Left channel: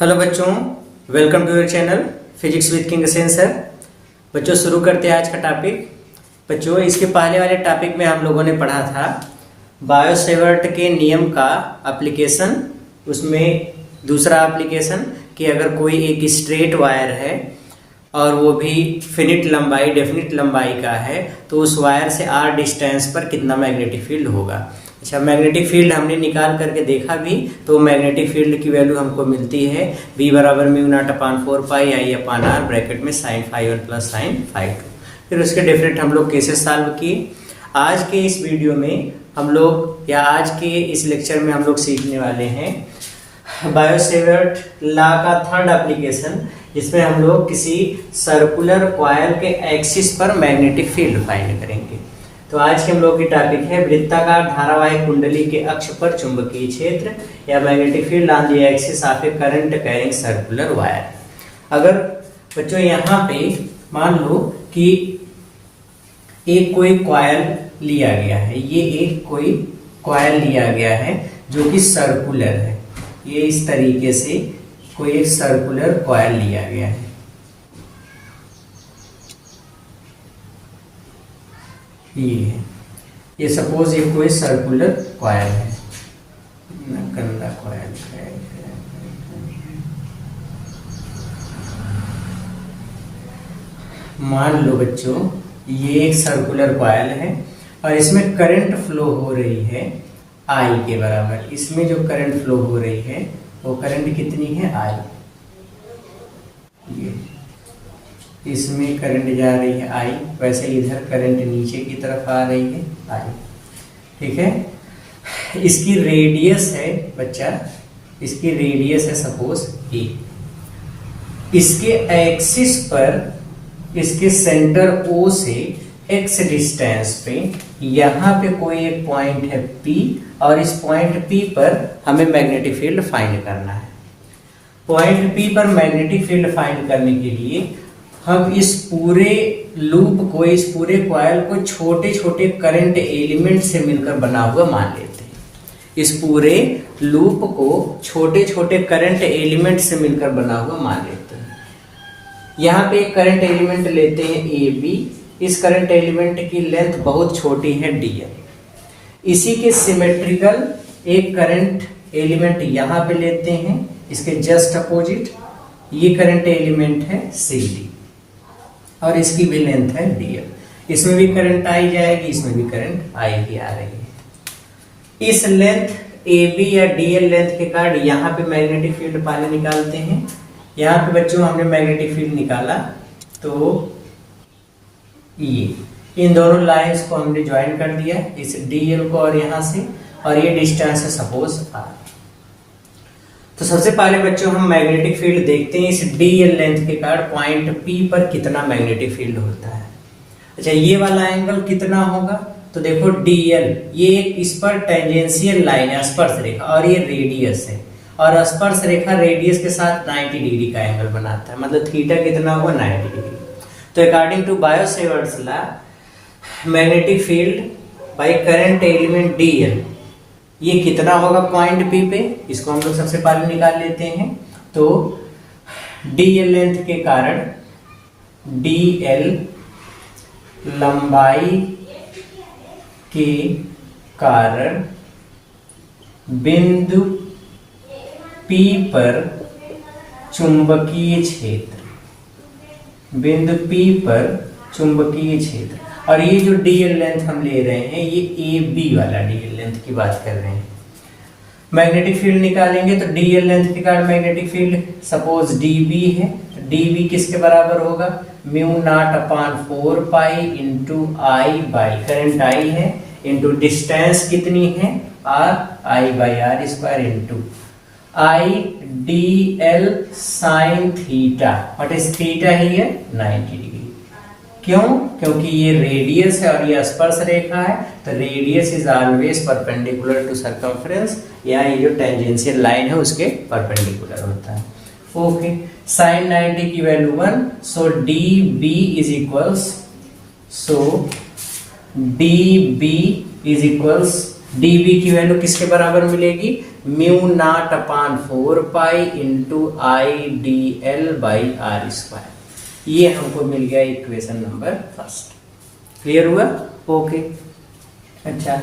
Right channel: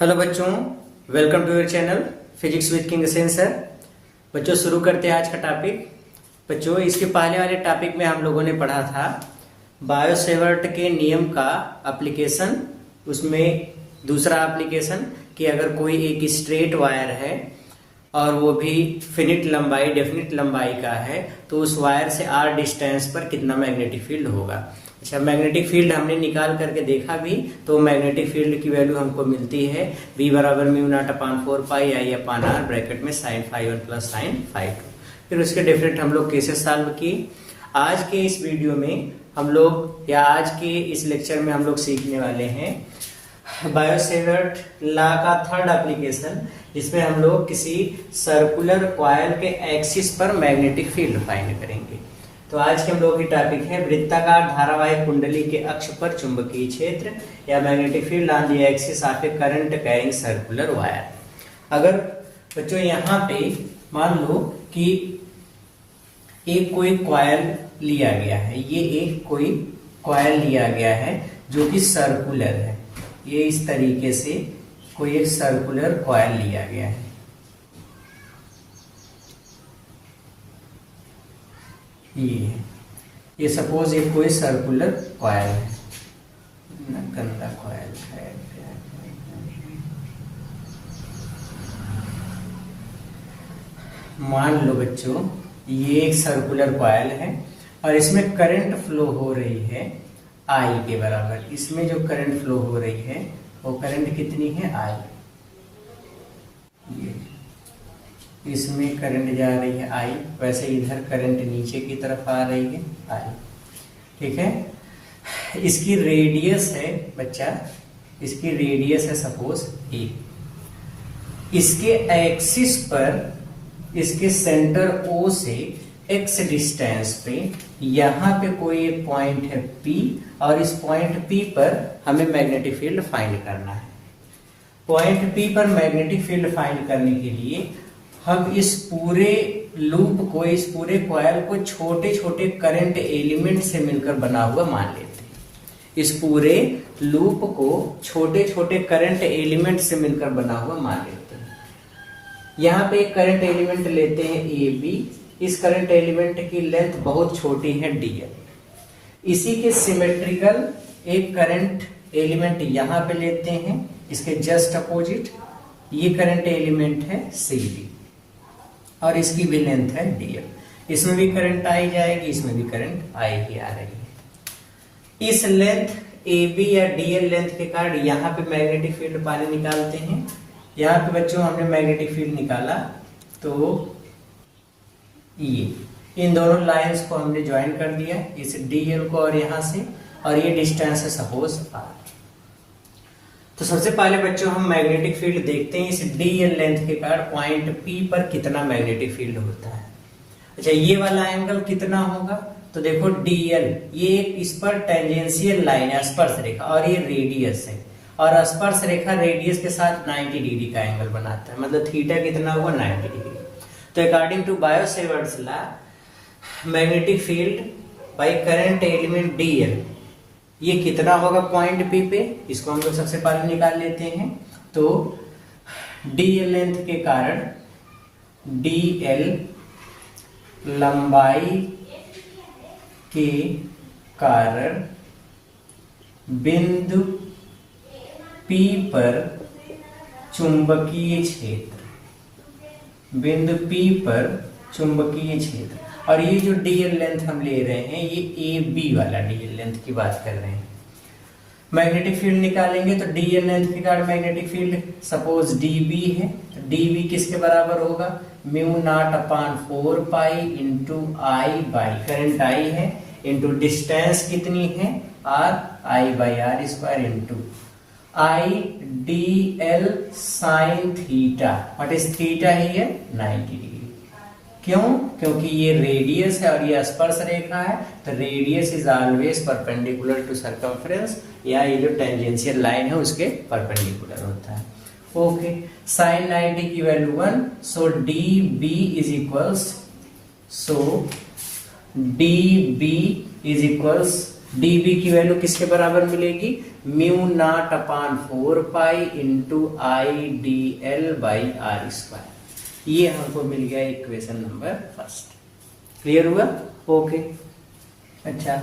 Hello बच्चों, welcome to your channel physics with king Sen sir. बच्चों शुरू करते हैं आज का टॉपिक। बच्चों इसके पहले वाले टॉपिक में हम लोगों ने पढ़ा था बायो-सेवर्ट के नियम का एप्लीकेशन। उसमें दूसरा एप्लीकेशन कि अगर कोई एक स्ट्रेट वायर है और वो भी फिनिट लंबाई डेफिनिट लंबाई का है तो उस वायर से r डिस्टेंस पर कितना मैग्नेटिक फील्ड होगा। अच्छा, मैग्नेटिक फील्ड हमने निकाल करके देखा भी, तो मैग्नेटिक फील्ड की वैल्यू हमको मिलती है V बराबर mu not upon 4 pi I upon R bracket में sine phi one plus sine phi two. फिर उसके डिफरेंट हम लोग केसेस सॉल्व किए। आज के इस वीडियो में हम लोग या आज के इस लेक्चर में हम लोग सीखने वाले हैं बायो-सेवर्ट लॉ का थर्ड एप्लीकेशन, जिसमें हम लोग किसी सर्कुलर कॉइल के एक्सिस पर मैग्नेटिक फील्ड फाइंड करेंगे। तो आज के हम लोग की टॉपिक है वृत्ताकार धारावाहिक कुंडली के अक्ष पर चुंबकीय क्षेत्र या magnetic field on the axis of A current carrying circular wire. अगर बच्चों यहाँ पे मान लो कि एक कोई कॉइल लिया गया है, ये एक कोई कॉइल लिया गया है जो कि सर्कुलर है। ये इस तरीके से कोई एक सर्कुलर कॉइल लिया गया है। ये है, ये सपोज ये कोई सर्कुलर कॉइल है, गंदा कॉइल है। मान लो बच्चों ये एक सर्कुलर कॉइल है और इसमें करंट फ्लो हो रही है I के बराबर। इसमें जो करंट फ्लो हो रही है वो करंट कितनी है I। ये इसमें करंट जा रही है I, वैसे इधर करंट नीचे की तरफ आ रही है I। ठीक है, इसकी रेडियस है बच्चा, इसकी रेडियस है सपोज A। इसके एक्सिस पर इसके सेंटर O से x डिस्टेंस पे यहाँ पे कोई एक पॉइंट है P और इस पॉइंट P पर हमें मैग्नेटिक फील्ड फाइंड करना है। पॉइंट P पर मैग्नेटिक फील्ड फाइंड करने के लिए हम इस पूरे लूप को, इस पूरे कॉइल को छोटे छोटे करंट एलिमेंट से मिलकर बना हुआ मान लेते हैं। इस पूरे लूप को छोटे छोटे करंट एलिमेंट से मिलकर बना हुआ मान लेते हैं। यहाँ पे एक करंट एलिमेंट लेते हैं AB। इस करंट एलिमेंट की लेंथ बहुत छोटी है DL। इसी के सिमेट्रिकल एक करंट एलिमेंट यहाँ पे लेते हैं, इसके जस्ट अपोजिट ये करंट एलिमेंट है CD और इसकी भी लेंथ है DL। इसमें भी करंट आई जाएगी, इसमें भी करंट आएगी आ रही है। इस लेंथ AB या DL लेंथ के कारण यहाँ पे मैग्नेटिक फील्ड पहले निकालते हैं। यहाँ पे बच्चों हमने मैग्नेटिक फील्ड निकाला तो ये इन दोनों लाइंस को हमने ज्वाइन कर दिया, इस DL को और यहाँ से, और ये डिस्टेंस है सपोज R। तो सबसे पहले बच्चों हम मैग्नेटिक फील्ड देखते हैं इस DL लेंथ के कारण पॉइंट P पर कितना मैग्नेटिक फील्ड होता है। अच्छा, ये वाला एंगल कितना होगा तो देखो DL ये इस पर टेंजेंशियल लाइन है, स्पर्श रेखा, और ये रेडियस है और स्पर्श रेखा रेडियस के साथ 90 डिग्री का एंगल बनाता है, मतलब थीटा कितना हुआ 90 डिग्री। तो according to Biot Savart's law magnetic field by current element DL ये कितना होगा पॉइंट P पे, इसको हम लोग सबसे पहले निकाल लेते हैं। तो DL लेंथ के कारण DL लंबाई के कारण बिंदु P पर चुंबकीय क्षेत्र, बिंदु P पर चुंबकीय क्षेत्र, और ये जो DL लेंथ हम ले रहे हैं ये AB वाला DL लेंथ की बात कर रहे हैं। मैग्नेटिक फील्ड निकालेंगे तो DL लेंथ के कारण मैग्नेटिक फील्ड सपोज DB है, तो DB किसके बराबर होगा mu not upon 4 pi into I by current I है इंटू डिस्टेंस कितनी है R, I by R square into I DL sine theta. What is theta here 90 degree. क्यों? क्योंकि ये रेडियस है और ये स्पर्श रेखा है, तो radius is always perpendicular to circumference, या ये जो टेंजेंशियल लाइन है उसके परपेंडिकुलर होता है। ओके, साइन 90 की value 1, so DB is equals, so DB is equals DB की वैल्यू किसके बराबर मिलेगी mu not upon 4 pi into I D L by R square. ये हमको मिल गया इक्वेशन नंबर फर्स्ट। क्लियर हुआ? ओके। अच्छा,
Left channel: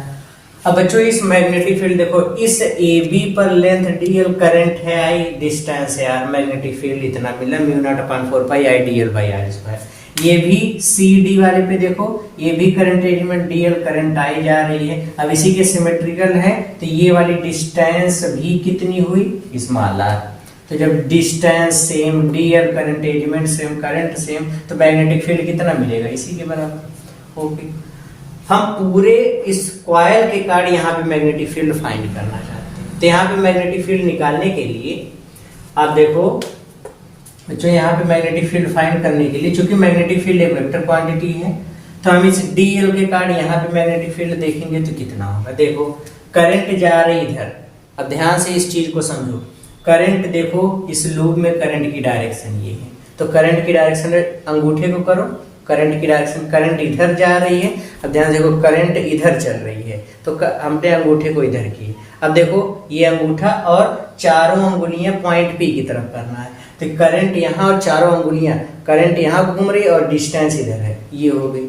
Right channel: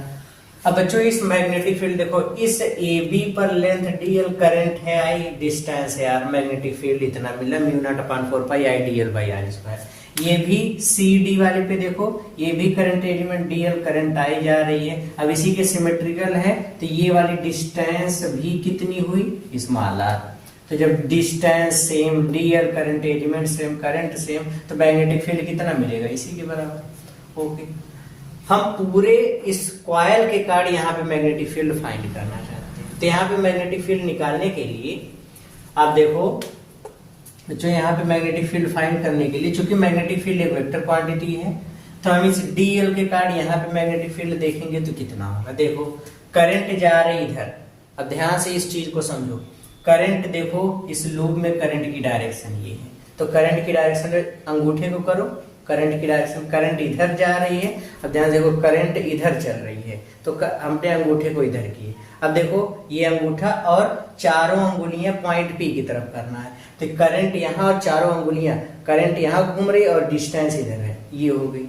अब बच्चों इस मैग्नेटिक फील्ड देखो, इस ए बी पर लेंथ dl, करंट है I, डिस्टेंस है r, मैग्नेटिक फील्ड इतना मिला mu not upon 4 pi I D L by R square. ये भी सी डी वाले पे देखो, ये भी current element dl, current I जा रही है। अब इसी के सिमेट्रिकल है तो ये वाली डिस्टेंस भी कितनी हुई, स्मॉल r। तो जब distance same, dl current element same, current same, तो मैग्नेटिक फील्ड कितना मिलेगा, इसी के बराबर। ओके, हम पूरे इस कॉइल के कार्ड यहाँ पे मैग्नेटिक फील्ड फाइंड करना चाहते हैं। तो यहाँ पे मैग्नेटिक फील्ड निकालने के लिए आप देखो, जो यहाँ पे मैग्नेटिक फील्ड फाइंड करने के लिए, चूंकि मैग्नेटिक फील्ड एक वेक्टर क्वांटिटी है, तो हम इस dl के कार्ड यहाँ पे मैग्नेटिक फील्ड देखेंगे तो कितना होगा। देखो करंट जा रही इधर, अब ध्यान से इस चीज को समझो। करंट देखो, इस लूप में करंट की डायरेक्शन ये है, तो करंट की डायरेक्शन अंगूठे को करो, करंट की डायरेक्शन, करंट इधर जा रही है। अब ध्यान देखो, करंट इधर चल रही है, तो हमने अंगूठे को इधर किए। अब देखो ये अंगूठा और चारों अंगुलियां पॉइंट पी की तरफ करना है, तो करंट यहाँ और चारों अंगुलियां, करंट यहाँ घूम रही और डिस्टेंस इधर है, ये हो गई।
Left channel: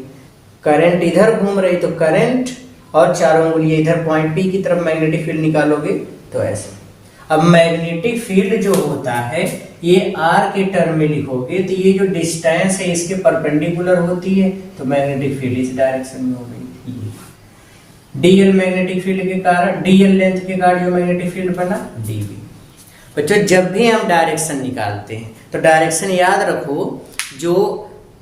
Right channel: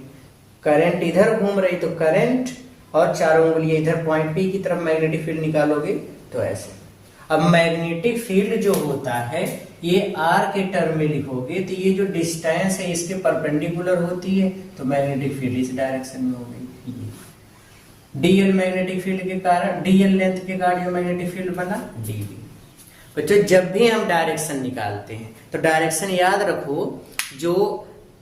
करंट इधर घूम रही तो करंट और चारों अंगुलियां इधर पॉइंट पी की तरफ मैग्नेटिक फील्ड निकालोगे तो ऐसे। अब मैग्नेटिक फील्ड जो होता है ये r के टर्म में लिखोगे तो ये जो डिस्टेंस है इसके परपेंडिकुलर होती है, तो मैग्नेटिक फील्ड इस डायरेक्शन में हो गई। ये dl मैग्नेटिक फील्ड के कारण, dl लेंथ के कारण जो मैग्नेटिक फील्ड बना dv। बच्चों जब भी हम डायरेक्शन निकालते हैं तो डायरेक्शन याद रखो, जो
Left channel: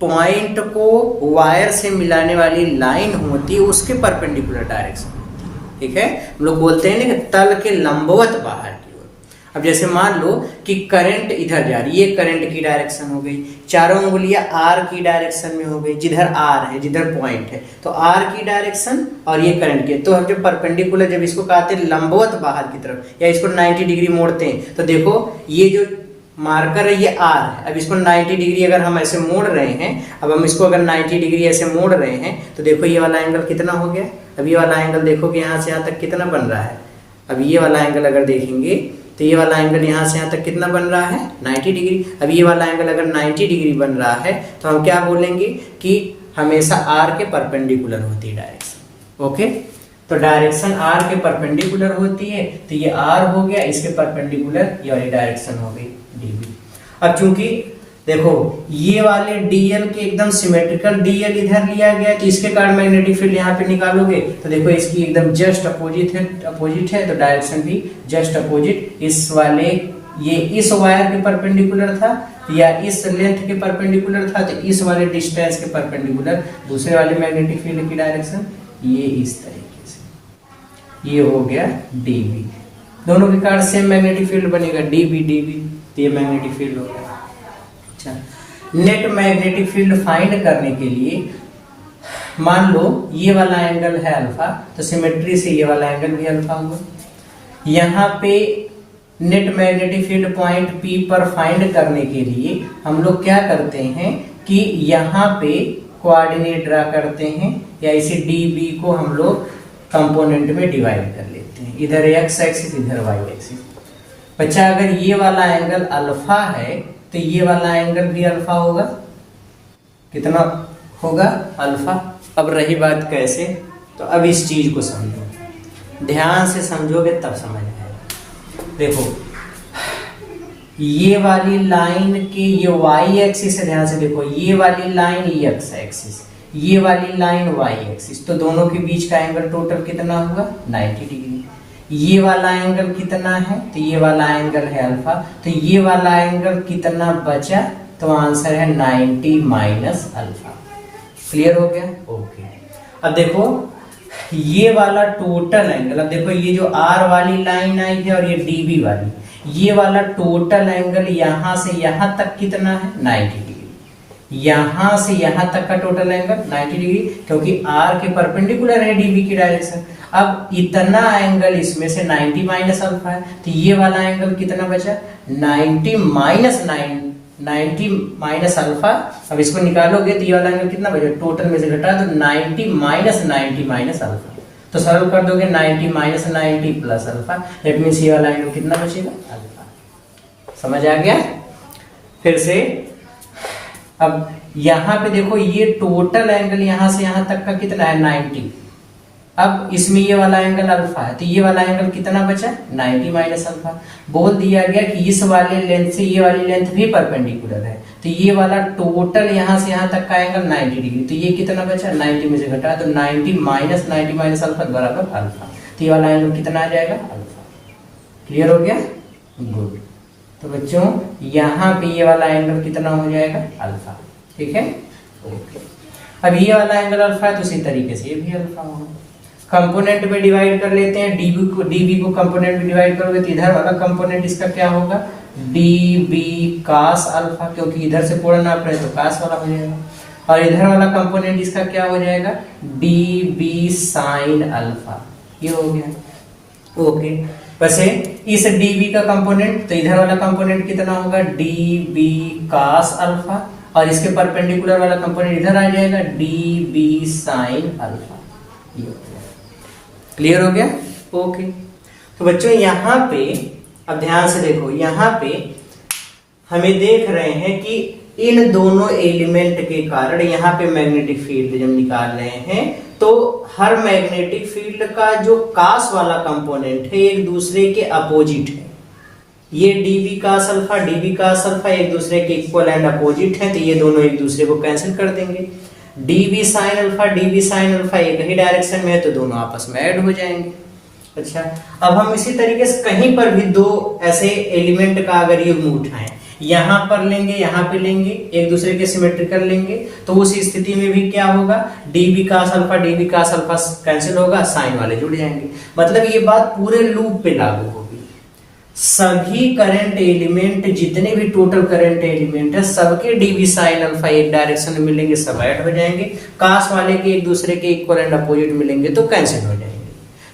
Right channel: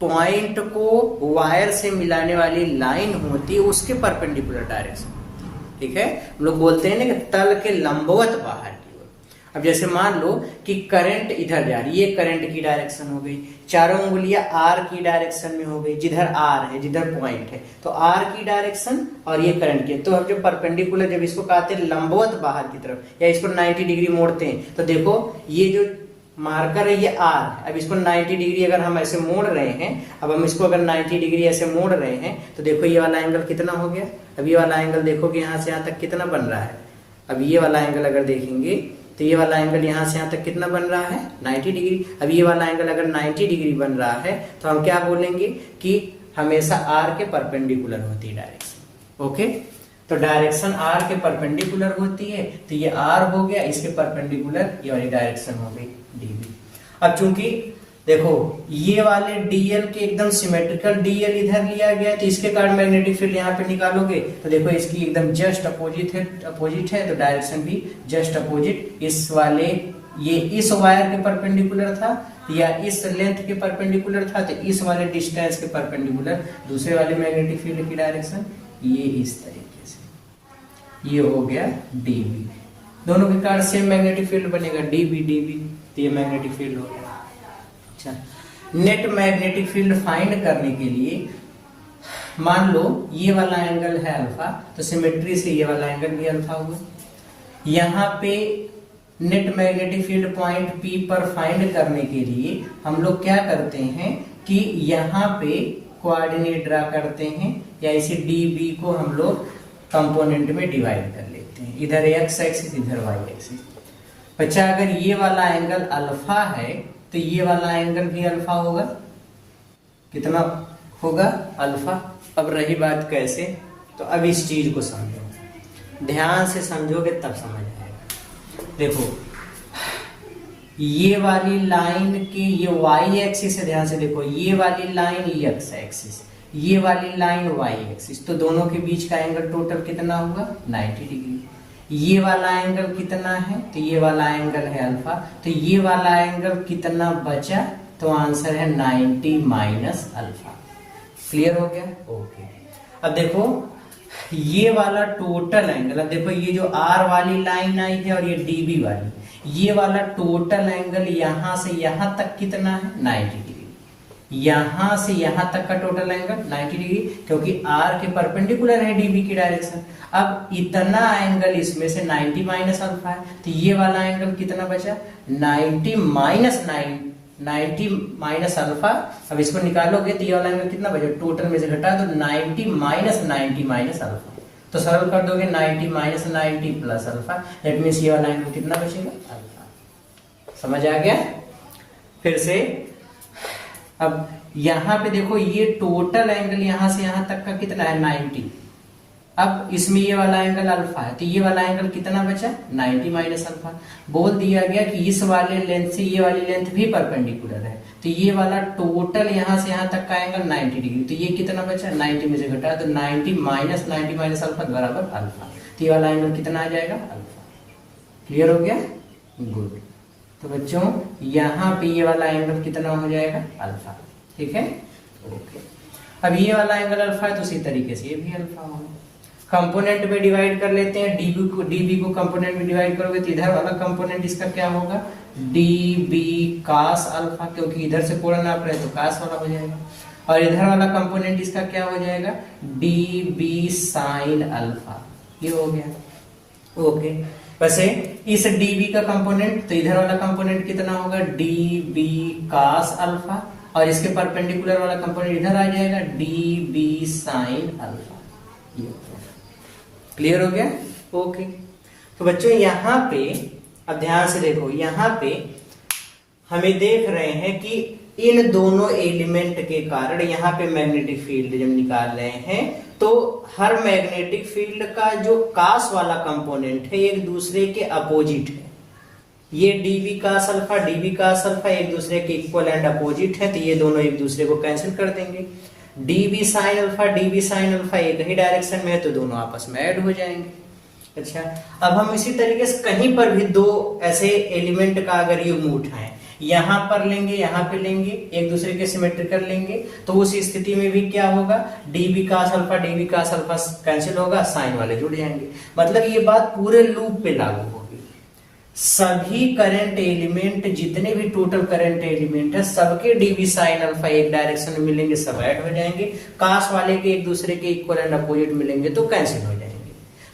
पॉइंट को वायर से मिलाने वाली लाइन होती है उसके परपेंडिकुलर डायरेक्शन, ठीक है। हम लोग बोलते हैं ना कि तल के लंबवत बाहर की ओर। अब जैसे मान लो कि करंट इधर जा रही है, ये करंट की डायरेक्शन हो गई, चारों उंगलियां r की डायरेक्शन में हो गई, जिधर r है, जिधर पॉइंट है, तो r की डायरेक्शन और ये करंट की। तो हम जब परपेंडिकुलर, जब इसको कहते हैं लंबवत बाहर की तरफ, या इसको 90 डिग्री मोड़ते हैं, तो देखो ये जो मार्कर है ये r है। अब इसको 90 डिग्री अगर हम ऐसे मोड़ रहे हैं, अब हम इसको अगर 90 डिग्री ऐसे मोड़ रहे हैं, तो देखो ये वाला एंगल कितना हो गया। अब ये वाला एंगल देखो कि यहाँ से यहाँ तक कितना बन रहा है। अब ये वाला एंगल अगर देखेंगे तो ये वाला एंगल यहाँ से यहाँ तक कितना बन रहा है, 90 डिग्री। अब ये वाला एंगल अगर 90 डिग्री बन रहा है तो हम क्या बोलेंगे कि हमेशा r के परपेंडिकुलर होती है डायरेक्शन। ओके, तो डायरेक्शन r के परपेंडिकुलर होती है, तो ये r हो गया, इसके परपेंडिकुलर ये वाली डायरेक्शन हो गई dv। अब चूंकि देखो ये वाले dl के एकदम सिमेट्रिकल dl इधर लिया गया, तो इसके कारण मैग्नेटिक फील्ड यहाँ पे निकालोगे तो देखो इसकी एकदम जस्ट अपोजिट है, तो डायरेक्शन भी जस्ट अपोजिट। इस वाले ये इस वायर के परपेंडिकुलर था या इस लेंथ के परपेंडिकुलर था, तो इस वाले डिस्टेंस के परपेंडिकुलर दूसरे वाले मैग्नेटिक फील्ड की डायरेक्शन ये इस तरीके से, ये हो गया dv। दोनों के कारण सेम मैग्नेटिक फील्ड बनेगा dv, तो ये मैग्नेटिक फील्ड हो गया। अच्छा, नेट मैग्नेटिक फील्ड फाइंड करने के लिए मान लो ये वाला एंगल है अल्फा, तो सिमेट्री से ये वाला एंगल भी अल्फा होगा। यहाँ पे net magnetic field point P पर फाइंड करने के लिए हम लोग क्या करते हैं कि यहाँ पे कोऑर्डिनेट ड्रा करते हैं, या इसे dv को हम लोग कंपोनेंट में डिवाइड कर लेते हैं, इधर x एक्सिस इधर y एक्सिस। बच्चा अगर ये वाला एंगल अल्फा है तो ये वाला एंगल भी अल्फा होगा, कितना होगा, अल्फा। अब रही बात कैसे, तो अब इस चीज को समझो, ध्यान से समझोगे तब समझ आएगा। देखो ये वाली लाइन के ये y एक्सिस है, ध्यान से देखो ये वाली लाइन x एक्सिस, ये वाली लाइन y एक्सिस, तो दोनों के बीच का एंगल टोटल कितना होगा, 90 डिग्री। ये वाला एंगल कितना है, तो ये वाला एंगल है अल्फा, तो ये वाला एंगल कितना बचा, तो आंसर है 90 माइनस अल्फा। क्लियर हो गया? ओके। अब देखो ये वाला टोटल एंगल, अब देखो ये जो r वाली लाइन आई है और ये dv वाली, ये वाला टोटल एंगल यहाँ से यहाँ तक कितना है, 90 डिग्री। यहाँ से यहाँ तक का टोटल एंगल 90 डिग्री, क्योंकि r के परपेंडिकुलर है dv की डायरेक्शन। अब इतना एंगल इसमें से 90 माइनस अल्फा है, तो ये वाला एंगल कितना बचा, 90 माइनस अल्फा। अब इसको निकालोगे तो ये वाला एंगल कितना बचा, टोटल में से घटा तो 90 माइनस 90 माइनस अल्फा, तो सरल कर दोगे 90 minus 90 plus alpha, that means ये वाला एंगल कितना बचेगा, अल्फा। समझ आ गया? फिर से अब यहां पे देखो ये टोटल एंगल यहां से यहां तक का कितना है 90। अब इसमें ये वाला एंगल अल्फा है, तो ये वाला एंगल कितना बचा 90 माइनस अल्फा। बोल दिया गया कि इस वाले लेंथ से ये वाली लेंथ भी परपेंडिकुलर है, तो ये वाला टोटल यहां से यहां तक का एंगल 90 डिग्री, तो ये कितना बचा 90 में से घटा तो 90 माइनस अल्फा बराबर अल्फा, तो ये वाला एंगल कितना आ जाएगा अल्फा। क्लियर हो गया? गुड। तो बच्चों यहाँ पे ये वाला एंगल कितना हो जाएगा अल्फा। ठीक है, अब ये वाला एंगल अल्फा है तो उसी तरीके से ये भी अल्फा होगा। कंपोनेंट में डिवाइड कर लेते हैं, डीबी को कंपोनेंट में डिवाइड करोगे तो इधर वाला कंपोनेंट इसका क्या होगा डीबी कास अल्फा, क्योंकि इधर से पूर्ण नाप रहे तो कास वाला हो जाएगा, और इधर वाला कंपोनेंट इसका क्या हो जाएगा डीबी साइन अल्फा। ये हो गया। ओके, वैसे इस db का कंपोनेंट, तो इधर वाला कंपोनेंट कितना होगा db cos अल्फा, और इसके परपेंडिकुलर वाला कंपोनेंट इधर आ जाएगा db sin अल्फा। क्लियर हो गया? ओके। तो बच्चों यहाँ पे अब ध्यान से देखो, यहाँ पे हमें देख रहे हैं कि इन दोनों एलिमेंट के कारण यहाँ पे मैग्नेटिक फील्ड जब निकाल रहे हैं तो हर मैग्नेटिक फील्ड का जो कास वाला कंपोनेंट है एक दूसरे के अपोजिट है। ये डीबी कास अल्फा एक दूसरे के इक्वल एंड अपोजिट है, तो ये दोनों एक दूसरे को कैंसिल कर देंगे। डीबी साइन अल्फा एक ही डायरेक्शन में है तो दोनों आपस में ऐड हो जाएंगे। अच्छा, अब हम इसी तरीके से कहीं पर भी दो ऐसे एलिमेंट का अगर युग्म उठाएं, यहां पर लेंगे यहां पे लेंगे, एक दूसरे के सिमेट्रिकल लेंगे, तो उस स्थिति में भी क्या होगा डीबी कास अल्फा कैंसिल होगा, साइन वाले जुड़ जाएंगे। मतलब ये बात पूरे लूप पे लागू होगी। सभी करंट एलिमेंट, जितने भी टोटल करंट एलिमेंट है, सबके डीबी साइन अल्फा एक डायरेक्शन में मिलेंगे, सब ऐड हो जाएंगे। कास वाले के एक दूसरे के इक्वल एंड अपोजिट मिलेंगे तो कैंसिल हो जाएंगे।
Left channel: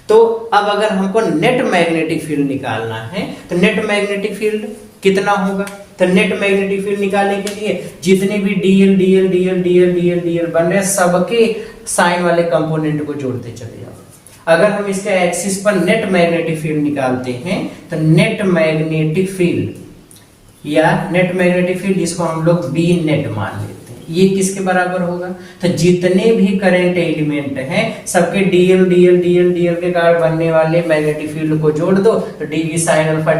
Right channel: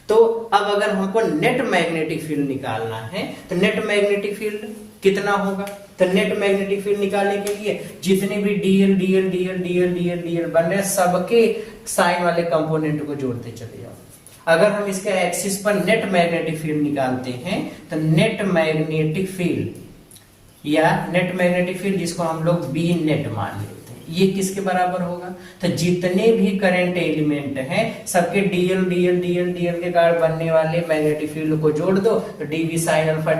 तो अब अगर हमको नेट मैग्नेटिक फील्ड निकालना है तो नेट मैग्नेटिक फील्ड कितना होगा, तो नेट मैग्नेटिक फील्ड निकालने के लिए जितने भी डीएल बन रहे हैं सबके साइन वाले कंपोनेंट को जोड़ते चले जाओ। अगर हम इसके एक्सिस पर नेट मैग्नेटिक फील्ड निकालते हैं तो नेट मैग्नेटिक फील्ड जिसको हम लोग बी नेट मान लेते हैं, ये किसके बराबर होगा, तो जितने भी करंट एलिमेंट हैं सबके डीएल के कारण बनने वाले मैग्नेटिक फील्ड को जोड़ दो, तो डीवी साइन अल्फा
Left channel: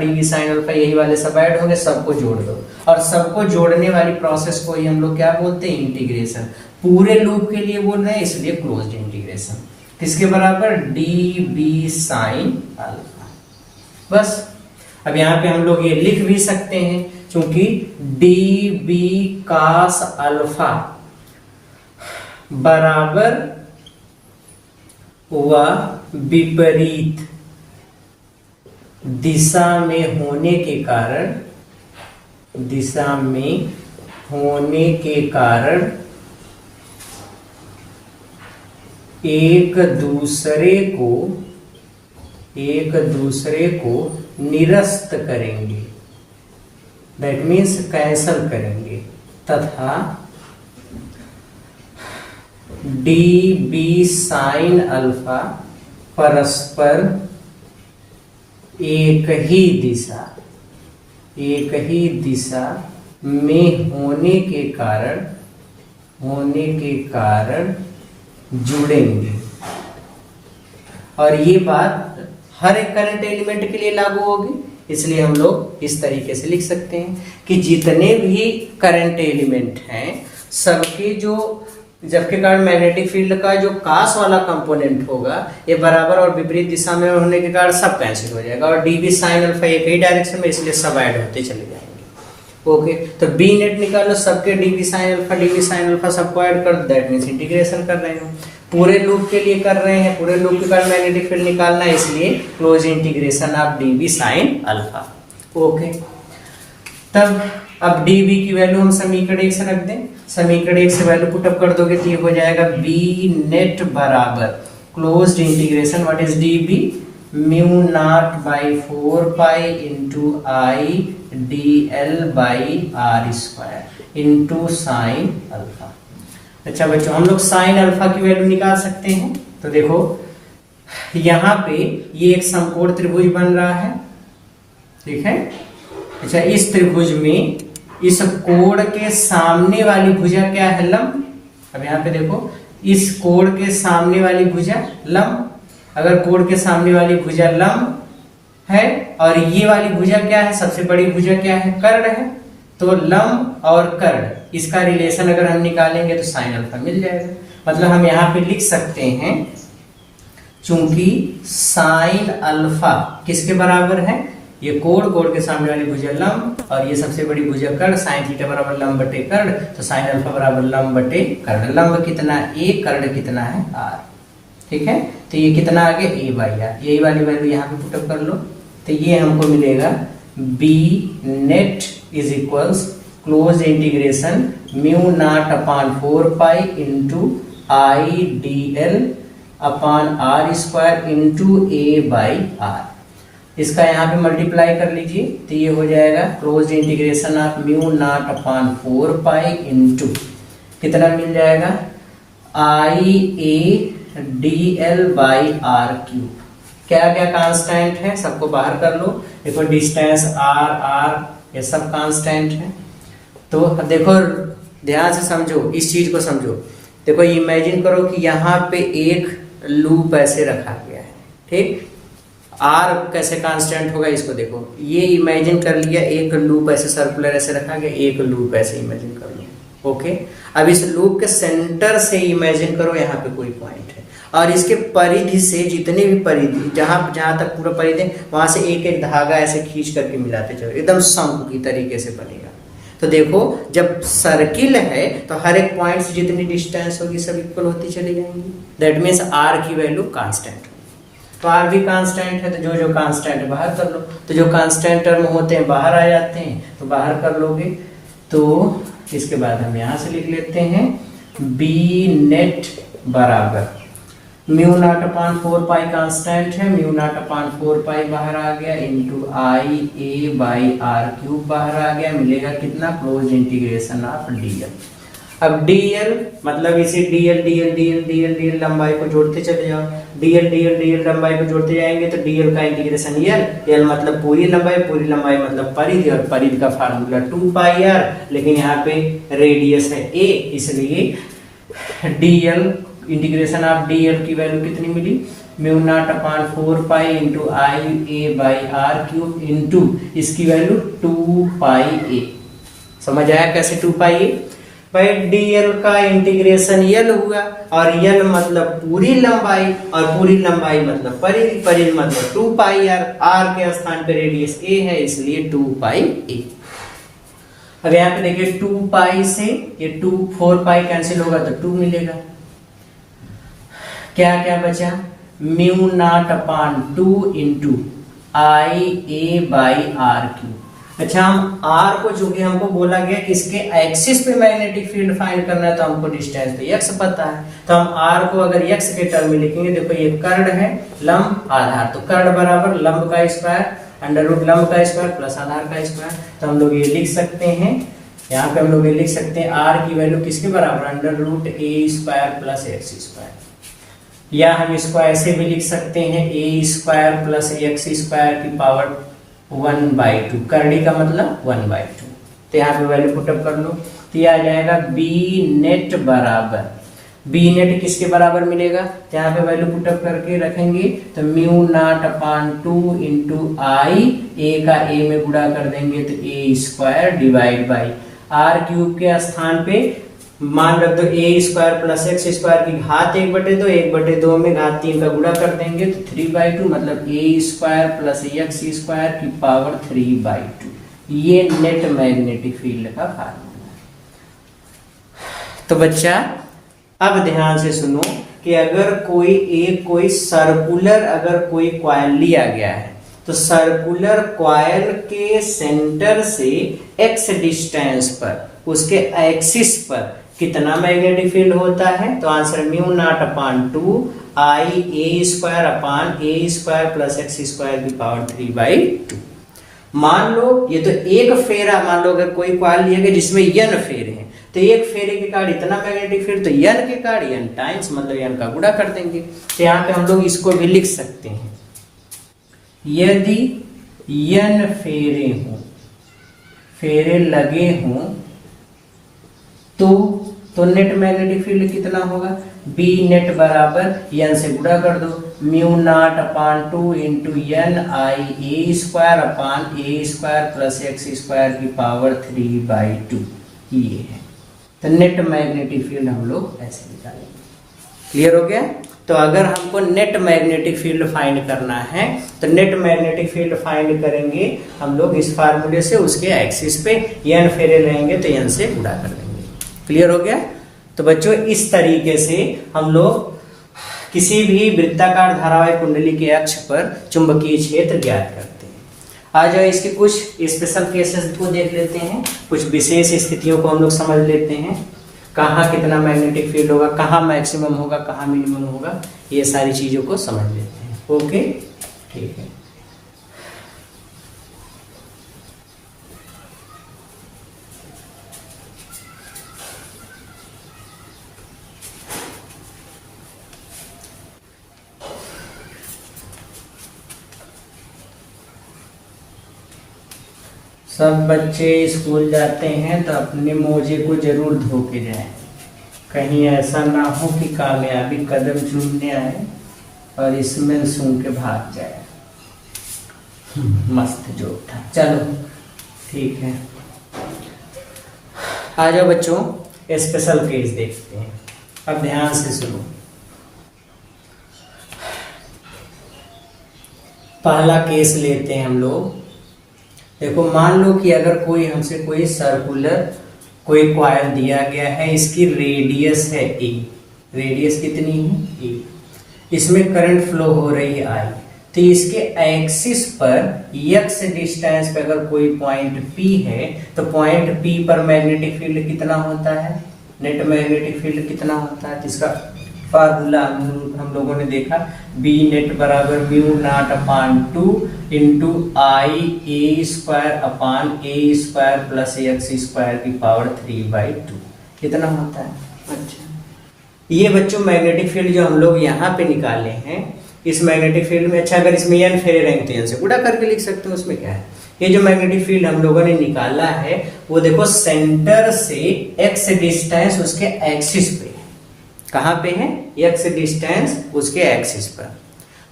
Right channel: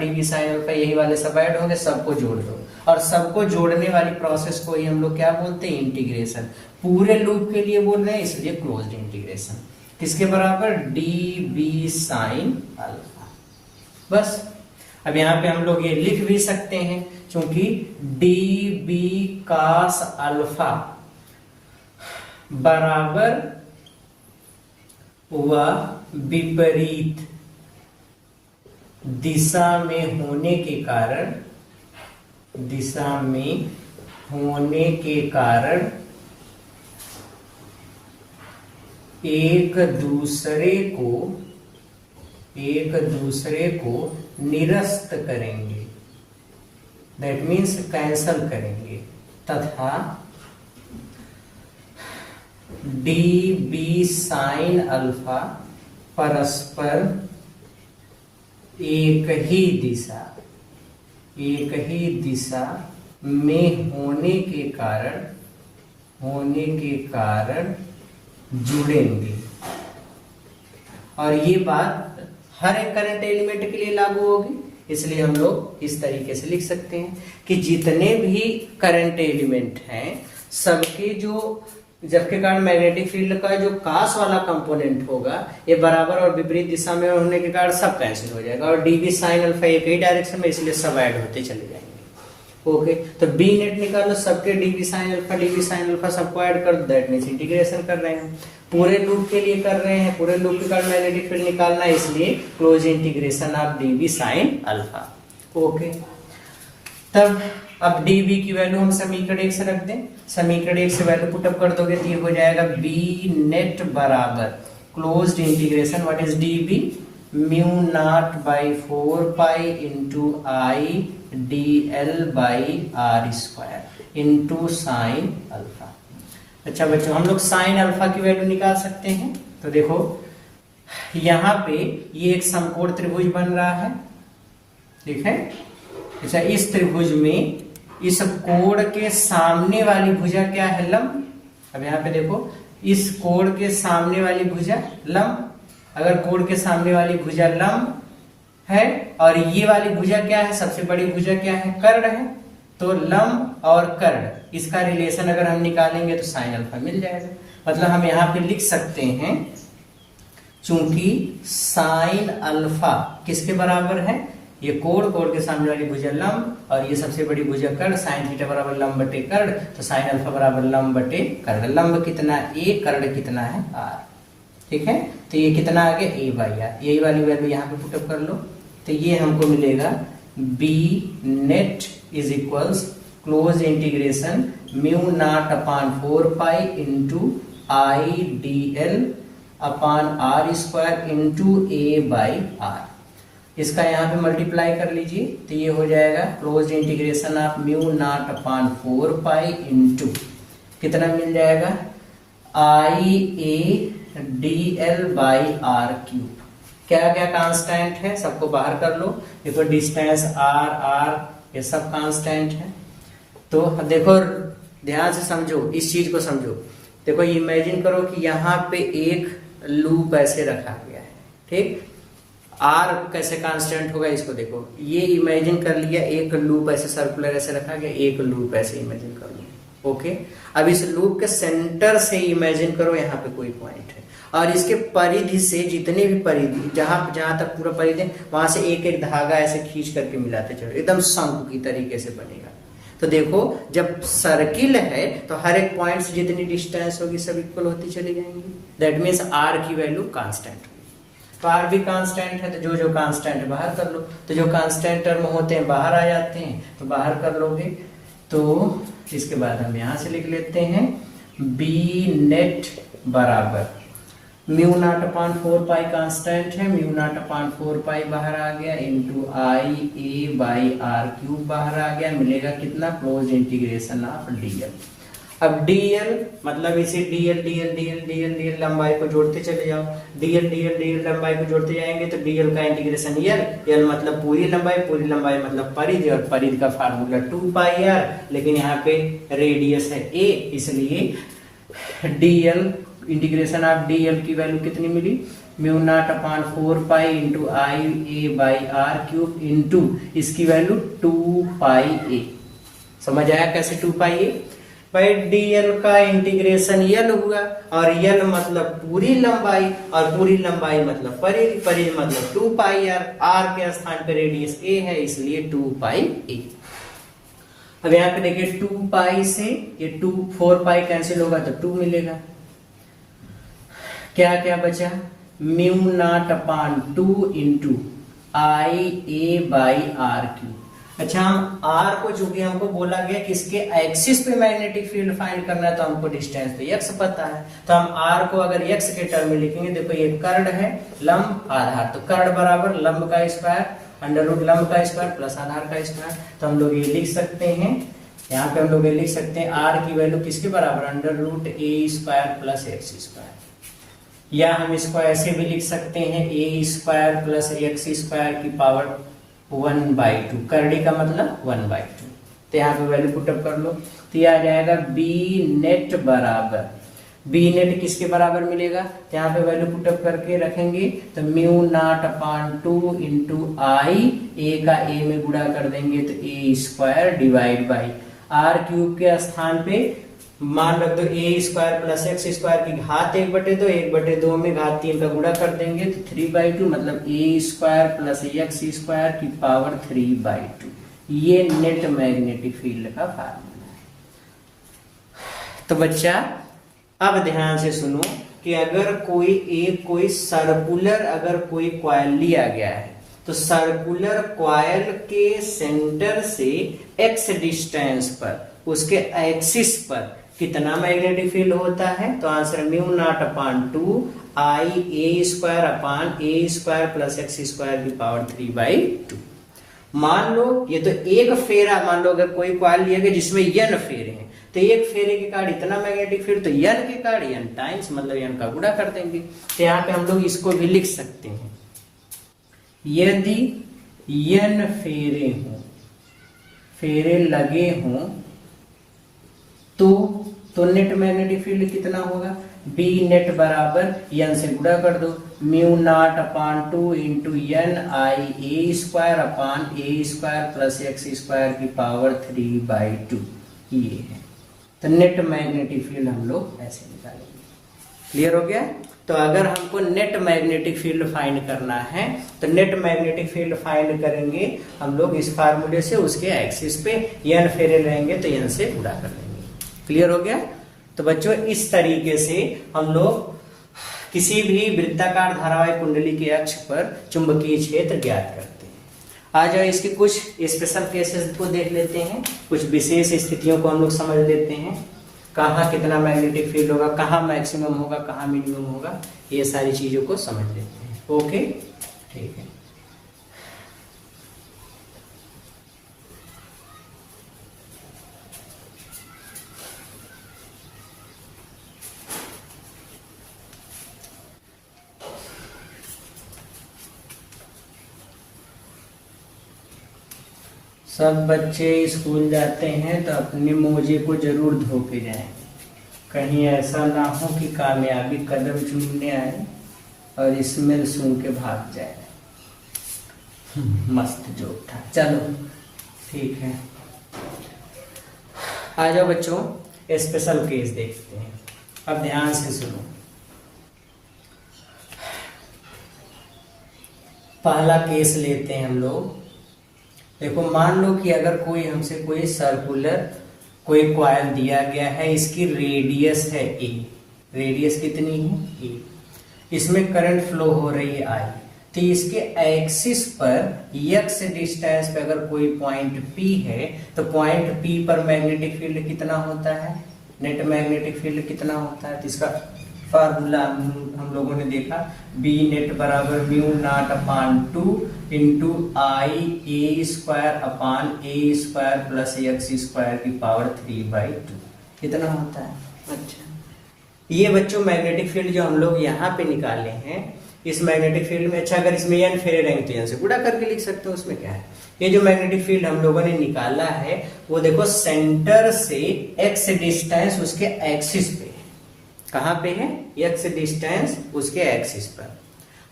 यही वाले सब ऐड होंगे, सबको जोड़ दो। और सबको जोड़ने वाली प्रोसेस को ही हम लोग क्या बोलते हैं इंटीग्रेशन। पूरे लूप के लिए बोल रहे हैं इसलिए क्लोज्ड इंटीग्रेशन। किसके बराबर डीबी साइन अल्फा। बस अब यहाँ पे हम लोग ये लिख भी सकते हैं, क्योंकि डीबी कास अल्फा बराबर व विपरीत दिशा में होने के कारण एक दूसरे को निरस्त करेंगे, दैट मीन्स कैंसल करेंगे, तथा डीबी साइन अल्फा परस्पर एक ही दिशा में होने के कारण जुड़ेंगे। और ये बात हर एक करंट एलिमेंट के लिए लागू होगी, इसलिए हम लोग इस तरीके से लिख सकते हैं कि जितने भी करंट एलिमेंट हैं सबके जो जबके कारण मैग्नेटिक फील्ड का जो कास वाला कंपोनेंट होगा ये बराबर और विपरीत दिशा में होने के कारण सब कैंसिल हो जाएगा, और डीबी साइन अल्फा एक ही डायरेक्शन में, इसलिए सब ऐड होते चले जाएंगे। ओके, तो बी नेट निकालो, सबके डीबी साइन अल्फा सबको ऐड कर दो, दैट मींस इंटीग्रेशन कर रहे हैं। पूरे लूप के लिए कर रहे हैं, पूरे लूप के कारण मैग्नेटिक फील्ड निकालना है, इसलिए close integration of dB sine alpha. Okay, तब अब डीबी की वैल्यू हम समीकरण 1 से रख दें। समीकरण 1 से वैल्यू पुटअप कर दोगे तो ये हो जाएगा बी नेट बराबर closed integration what is DB mu nought by 4 pi into I dl by R square into sine alpha. अच्छा बच्चों, हम लोग साइन अल्फा की वैल्यू निकाल सकते हैं। तो देखो यहाँ पे ये एक समकोण त्रिभुज बन रहा है, ठीक है। अच्छा, इस त्रिभुज में इस कोण के सामने वाली भुजा क्या है? लंब। अब यहाँ पे देखो, इस कोण के सामने वाली भुजा लंब। अगर कोण के सामने वाली भुजा लंब है और ये वाली भुजा क्या है? सबसे बड़ी भुजा क्या है? कर्ण है। तो लंब और कर्ण, इसका रिलेशन अगर हम निकालेंगे तो साइन अल्फा मिल जाएगा। मतलब हम यहाँ पे लिख सकते हैं, चूंकि साइन अल्फा किसके बराबर है? ये कोण, कोण के सामने वाली भुजा लंब और ये सबसे बड़ी भुजा कर्ण, साइन थीटा बराबर लंब बटे कर्ण, तो साइन अल्फा बराबर लंब बटे कर्ण। लंब कितना? a, कर्ण कितना है? r, ठीक है। तो ये कितना आ गया? a by R. यही वाली वैल्यू यहाँ पे पुटअप कर लो, तो ये हमको मिलेगा b net is equals close integration mu not upon 4 pi into I D L upon R square into A by R. इसका यहाँ पे मल्टीप्लाई कर लीजिए, तो ये हो जाएगा close integration of mu not upon 4 pi into कितना मिल जाएगा? I A D L by R cube. क्या क्या कांस्टेंट है सबको बाहर कर लो। देखो डिस्टेंस आर, आर ये सब कांस्टेंट है। तो देखो ध्यान से समझो, इस चीज को समझो। देखो इमेजिन करो कि यहाँ पे एक लूप ऐसे रखा गया है, ठीक। आर कैसे कांस्टेंट होगा इसको देखो, ये इमेजिन कर लिया, एक लूप ऐसे सर्कुलर ऐसे रखा गया, एक लूप ऐसे इमेजिन कर लो, ओके। अब इस लूप के सेंटर से इमेजिन करो यहाँ पे कोई पॉइंट है और इसके परिधि से जितने भी परिधि, जहां जहां तक पूरा परिधि, वहां से एक एक धागा ऐसे खींच करके मिलाते चलो, एकदम शंकु की तरीके से बनेगा। तो देखो जब सर्किल है तो हर एक पॉइंट से जितनी डिस्टेंस होगी सब इक्वल होती चली जाएंगी। दैट मीन्स आर की वैल्यू कांस्टेंट। तो आर भी कांस्टेंट है, तो जो जो कांस्टेंट है बाहर कर लो। तो जो कांस्टेंट टर्म होते हैं बाहर आ जाते हैं, तो बाहर कर लोगे। तो इसके बाद हम यहाँ से लिख लेते हैं बी नेट बराबर mu not upon 4 pi constant है, म्यू नॉट अपान 4 पाई बाहर आ गया into I A by R cube बाहर आ गया। मिलेगा कितना? Close integration of DL. अब डीएल मतलब इसे DL DL DL DL DL लंबाई को जोड़ते चले जाओ। डीएल डीएल डीएल लंबाई को जोड़ते जाएंगे तो डीएल का इंटीग्रेशन एल, एल मतलब पूरी लंबाई मतलब परिधि, और परिधि का फार्मूला 2 पाई आर, लेकिन यहाँ पे रेडियस है a, इसलिए डीएल इंटीग्रेशन ऑफ डीएल की वैल्यू कितनी मिली? Mu not upon 4 pi into I A by R cube into इसकी वैल्यू 2 पाई ए। समझ आया कैसे 2 पाई ए? भाई डीएल का इंटीग्रेशन एल हुआ, और एल मतलब पूरी लंबाई, और पूरी लंबाई मतलब परिधि, परिधि मतलब 2 पाई आर। आर के स्थान पे रेडियस ए है, इसलिए 2 पाई ए। अब यहाँ पे देखिए 2 पाई से ये 2 4 पाई कैंसिल होगा तो 2 मिलेगा। क्या क्या बचा? Mu not upon 2 into I A by R cube. अच्छा, हम आर को चूंकि हमको बोला गया कि इसके एक्सिस पे मैग्नेटिक फील्ड फाइंड करना है, तो हमको डिस्टेंस तो एक्स पता है, तो हम आर को अगर एक्स के टर्म में लिखेंगे, देखो ये कर्ण है, लंब आधार, तो कर्ण बराबर लंब का स्क्वायर अंडर रूट लंब का स्क्वायर प्लस आधार का स्क्वायर। तो हम लोग ये लिख सकते हैं, यहाँ पे हम लोग ये लिख सकते हैं आर की वैल्यू किसके बराबर? अंडर रूट ए स्क्वायर प्लस एक्स स्क्वायर। या हम इसको ऐसे भी लिख सकते हैं ए स्क्वायर प्लस एक्स स्क्वायर की पावर 1/2। करड़ी का मतलब 1/2। तो यहाँ पे वैल्यू पुटअप कर लो, तो यह आ जाएगा बी नेट बराबर, बी नेट किसके बराबर मिलेगा? यहाँ पे वैल्यू पुटअप करके रखेंगे तो mu not upon 2 into I, A का ए में गुणा कर देंगे तो A square divide by R cube के स्थान पे मान रख दो A square plus X square की घात 1/2, 1/2 में घात 3 का गुणा कर देंगे तो 3/2 मतलब ए स्क्वायर प्लस एक्स स्क्वायर की पावर 3/2। ये नेट मैग्नेटिक फील्ड का फार्मूला है। तो बच्चा अब ध्यान से सुनो कि अगर कोई सर्कुलर अगर कोई कॉइल लिया गया है, तो सर्कुलर कॉइल के सेंटर से एक्स डिस्टेंस पर उसके एक्सिस पर कितना मैग्नेटिक फील्ड होता है? तो answer mu naught upon 2 I A square upon A square plus X square की पावर 3/2। मान लो ये तो एक फेरा, मान लो अगर कोई कॉइल लिया गया जिसमें n फेरे हैं, तो एक फेरे के कार्ड इतना मैग्नेटिक फील्ड, तो n के कार्ड n टाइम्स, मतलब n का गुणा कर देंगे। तो यहाँ पे हम लोग इसको भी लिख सकते हैं, यदि n फेरे हों, फेरे लगे हों, तो नेट मैग्नेटिक फील्ड कितना होगा, बी नेट बराबर n से गुणा कर दो, mu naught upon 2 into N I A square upon A square plus X square की पावर 3/2 ये है। तो नेट मैग्नेटिक फील्ड हम लोग ऐसे निकालेंगे। क्लियर हो गया? तो अगर हमको नेट मैग्नेटिक फील्ड फाइंड करना है तो नेट मैग्नेटिक फील्ड फाइंड करेंगे हम लोग इस फार्मूले से, उसके एक्सिस पे n फेरे लेंगे तो n से गुणा कर देंगे। क्लियर हो गया? तो बच्चों इस तरीके से हम लोग किसी भी वृत्ताकार धारावाहिक कुंडली के अक्ष पर चुंबकीय क्षेत्र ज्ञात करते हैं। आ जाओ इसके कुछ स्पेशल केसेस को देख लेते हैं, कुछ विशेष स्थितियों को हम लोग समझ लेते हैं, कहाँ कितना मैग्नेटिक फील्ड होगा, कहाँ मैक्सिमम होगा, कहाँ मिनिमम होगा, ये सारी चीजों को समझ लेते हैं। ओके, ठीक है। सब बच्चे स्कूल जाते हैं तो अपने मोजे को जरूर धो के जाएं, कहीं ऐसा ना हो कि कामयाबी कदम चूमने आए और इसमें सूंघ के भाग जाए। मस्त जोक था। चलो ठीक है, आ जाओ बच्चों स्पेशल केस देखते हैं। अब ध्यान से सुनो। पहला केस लेते हैं हम लोग। देखो मान लो कि अगर कोई हमसे कोई सर्कुलर कोई कॉइल दिया गया है, इसकी रेडियस है ए, रेडियस कितनी है ए, इसमें करंट फ्लो हो रही है आई, तो इसके एक्सिस पर x डिस्टेंस पे अगर कोई पॉइंट P है तो पॉइंट P पर मैग्नेटिक फील्ड कितना होता है, नेट मैग्नेटिक फील्ड कितना होता है। तो इसका फार्मूला हम लोगों ने देखा, बी नेट बराबर mu not upon 2 into I A square upon A square plus X square की पावर 3/2 कितना होता है। अच्छा, ये बच्चों मैग्नेटिक फील्ड जो हम लोग यहाँ पे निकाले हैं, इस मैग्नेटिक फील्ड में, अच्छा अगर इसमें n फेरे रहेंगे तो n से गुणा करके लिख सकते हो, उसमें क्या है। ये जो मैग्नेटिक फील्ड हम लोगों ने निकाला है वो देखो सेंटर से x डिस्टेंस उसके एक्सिस पे, कहाँ पे है, x डिस्टेंस उसके एक्सिस पर,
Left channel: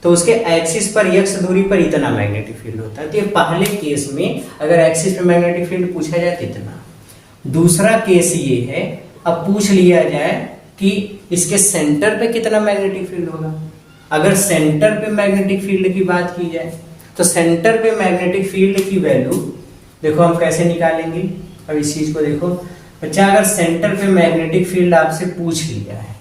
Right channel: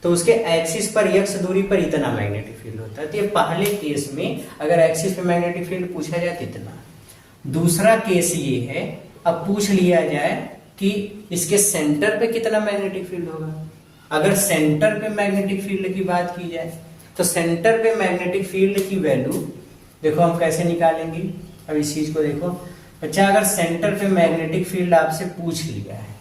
तो उसके एक्सिस पर x दूरी पर इतना मैग्नेटिक फील्ड होता है। तो ये पहले केस में अगर एक्सिस पे मैग्नेटिक फील्ड पूछा जाए तो इतना। दूसरा केस ये है, अब पूछ लिया जाए कि इसके सेंटर पे कितना मैग्नेटिक फील्ड होगा। अगर सेंटर पे मैग्नेटिक फील्ड की बात की जाए तो सेंटर पे मैग्नेटिक फील्ड की वैल्यू देखो हम कैसे निकालेंगे। अब इस चीज को देखो बच्चा, अगर सेंटर पे मैग्नेटिक फील्ड आपसे पूछ लिया है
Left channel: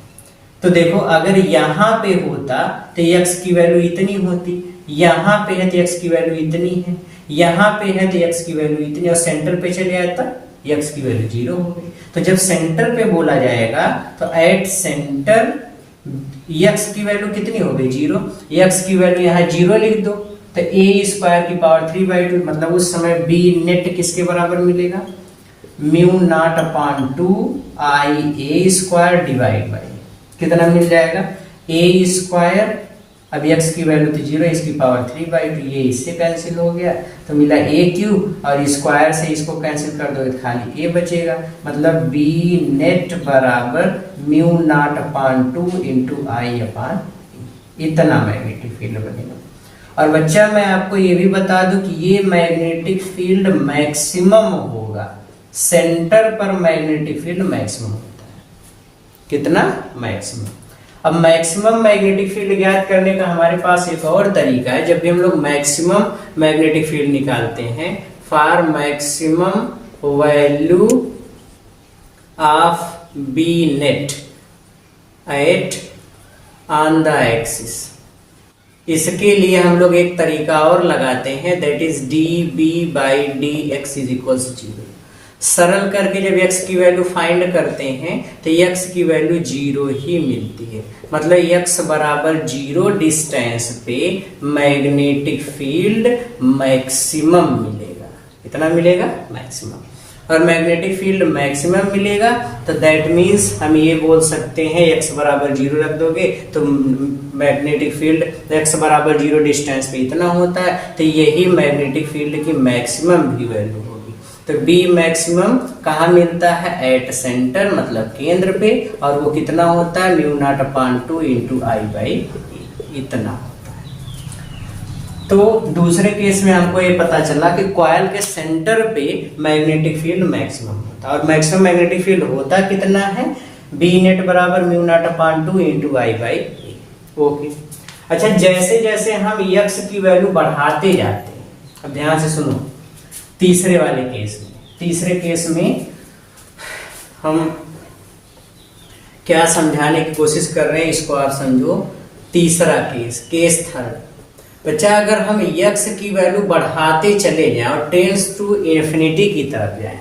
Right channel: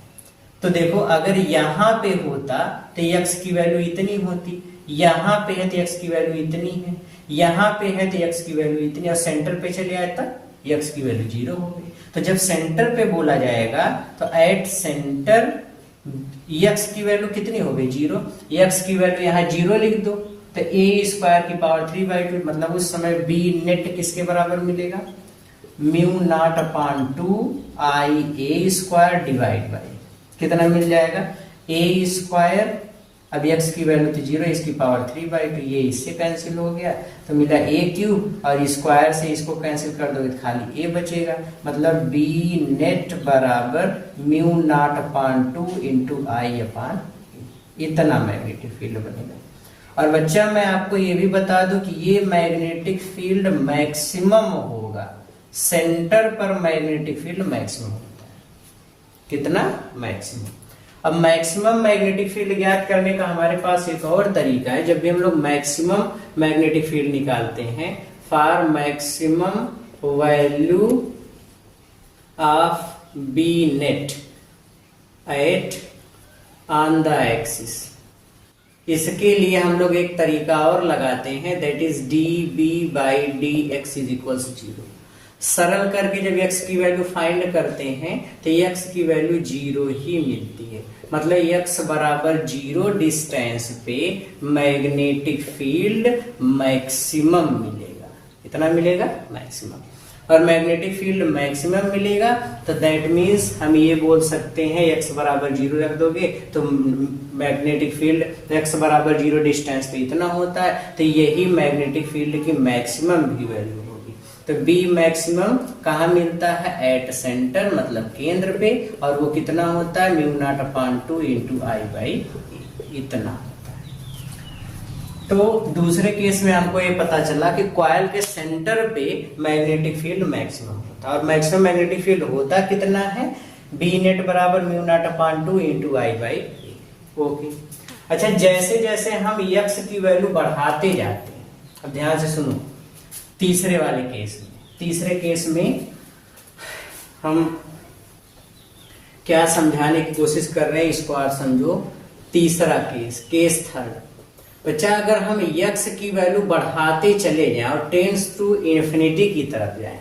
तो देखो अगर यहाँ पे होता तो x की वैल्यू इतनी होती, यहाँ पे है तो x की वैल्यू इतनी है, यहाँ पे है तो x की वैल्यू इतनी, और सेंटर पे चले जाता x की वैल्यू 0 हो गई। तो जब सेंटर पे बोला जाएगा तो एट सेंटर x की वैल्यू कितनी हो गई 0, x की वैल्यू यहाँ 0 लिख दो तो a स्क्वायर की पावर 3/2, मतलब उस समय b नेट किसके बराबर मिलेगा, mu naught upon 2 I A square divide by कितना मिल जाएगा a स्क्वायर, अब x की वैल्यू तो 0, इसकी पावर 3/2, ये इससे कैंसिल हो गया तो मिला a क्यूब, और स्क्वायर से इसको कैंसिल कर दो तो खाली a बचेगा, मतलब b नेट बराबर म्यू नॉट अपान 2 इंटू आई अपान, इतना मैग्नेटिक फील्ड बनेगा। और बच्चा मैं आपको ये भी बता दूं कि ये मैग्नेटिक फील्ड मैक्सिमम होगा, सेंटर पर मैग्नेटिक फील्ड मैक्सिमम होता है, कितना मैक्सिमम। अब मैक्सिमम मैग्नेटिक फील्ड ज्ञात करने का हमारे पास एक और तरीका है। जब भी हम लोग मैक्सिमम मैग्नेटिक फील्ड निकालते हैं, for maximum value of B net at on the axis, इसके लिए हम लोग एक तरीका और लगाते हैं, that is D B by D X is equals 0। सरल करके जब x की वैल्यू फाइंड करते हैं तो x की वैल्यू 0 ही मिलती है, मतलब x बराबर 0 डिस्टेंस पे मैग्नेटिक फील्ड मैक्सिमम मिलेगा, इतना मिलेगा मैक्सिमम। और मैग्नेटिक फील्ड मैक्सिमम मिलेगा, तो दैट मीन्स हम ये बोल सकते हैं x बराबर 0 रख दोगे तो मैग्नेटिक फील्ड x बराबर 0 डिस्टेंस पे इतना होता है, तो यही मैग्नेटिक फील्ड की मैक्सिमम भी वैल्यू होगी। तो बी मैक्सिमम कहाँ मिलता है? एट सेंटर, मतलब केंद्र पे, और वो कितना होता है? Mu not upon 2 into I by इतना। तो दूसरे केस में हमको ये पता चला कि कॉइल के सेंटर पे मैग्नेटिक फील्ड मैक्सिमम होता है, और मैक्सिमम मैग्नेटिक फील्ड होता कितना है? बी नेट बराबर mu not upon 2 into I by A. Okay, अच्छा, जैसे जैसे हम यक्स की वैल्यू बढ़ाते जाते हैं, अब ध्यान से सुनो, तीसरे वाले केस में, तीसरे केस में हम क्या समझाने की कोशिश कर रहे हैं इसको आप समझो। तीसरा केस, केस थर्ड। बच्चा, अगर हम यक्स की वैल्यू बढ़ाते चले जाएं और टेंस टू इन्फिनिटी की तरफ जाएं,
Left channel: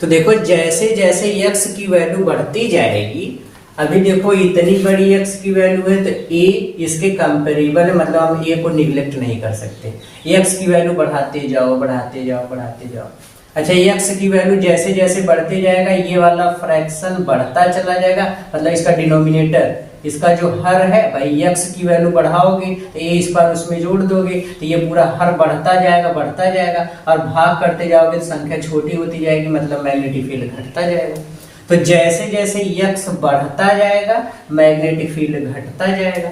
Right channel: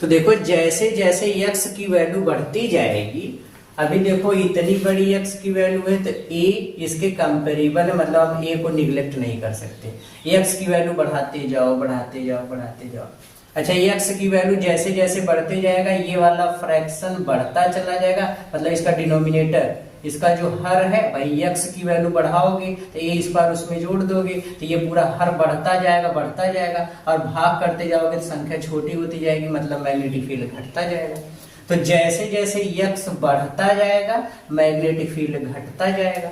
तो देखो जैसे जैसे यक्स की वैल्यू बढ़ती जाएगी, अभी देखो इतनी बड़ी यक्स की वैल्यू है तो ए इसके कंपेरेबल, मतलब हम ए को निग्लेक्ट नहीं कर सकते। यक्स की वैल्यू बढ़ाते जाओ बढ़ाते जाओ बढ़ाते जाओ। अच्छा, यक्स की वैल्यू जैसे जैसे बढ़ते जाएगा ये वाला फ्रैक्शन बढ़ता चला जाएगा, मतलब इसका डिनोमिनेटर, इसका जो हर है भाई, यक्स की वैल्यू बढ़ाओगे तो ए इस बार उसमें जोड़ दोगे तो ये पूरा हर बढ़ता जाएगा, और भाग करते जाओगे तो संख्या छोटी होती जाएगी, मतलब मैग्नेटिक फील्ड घटता जाएगा। तो जैसे जैसे यक्स बढ़ता जाएगा मैग्नेटिक फील्ड घटता जाएगा।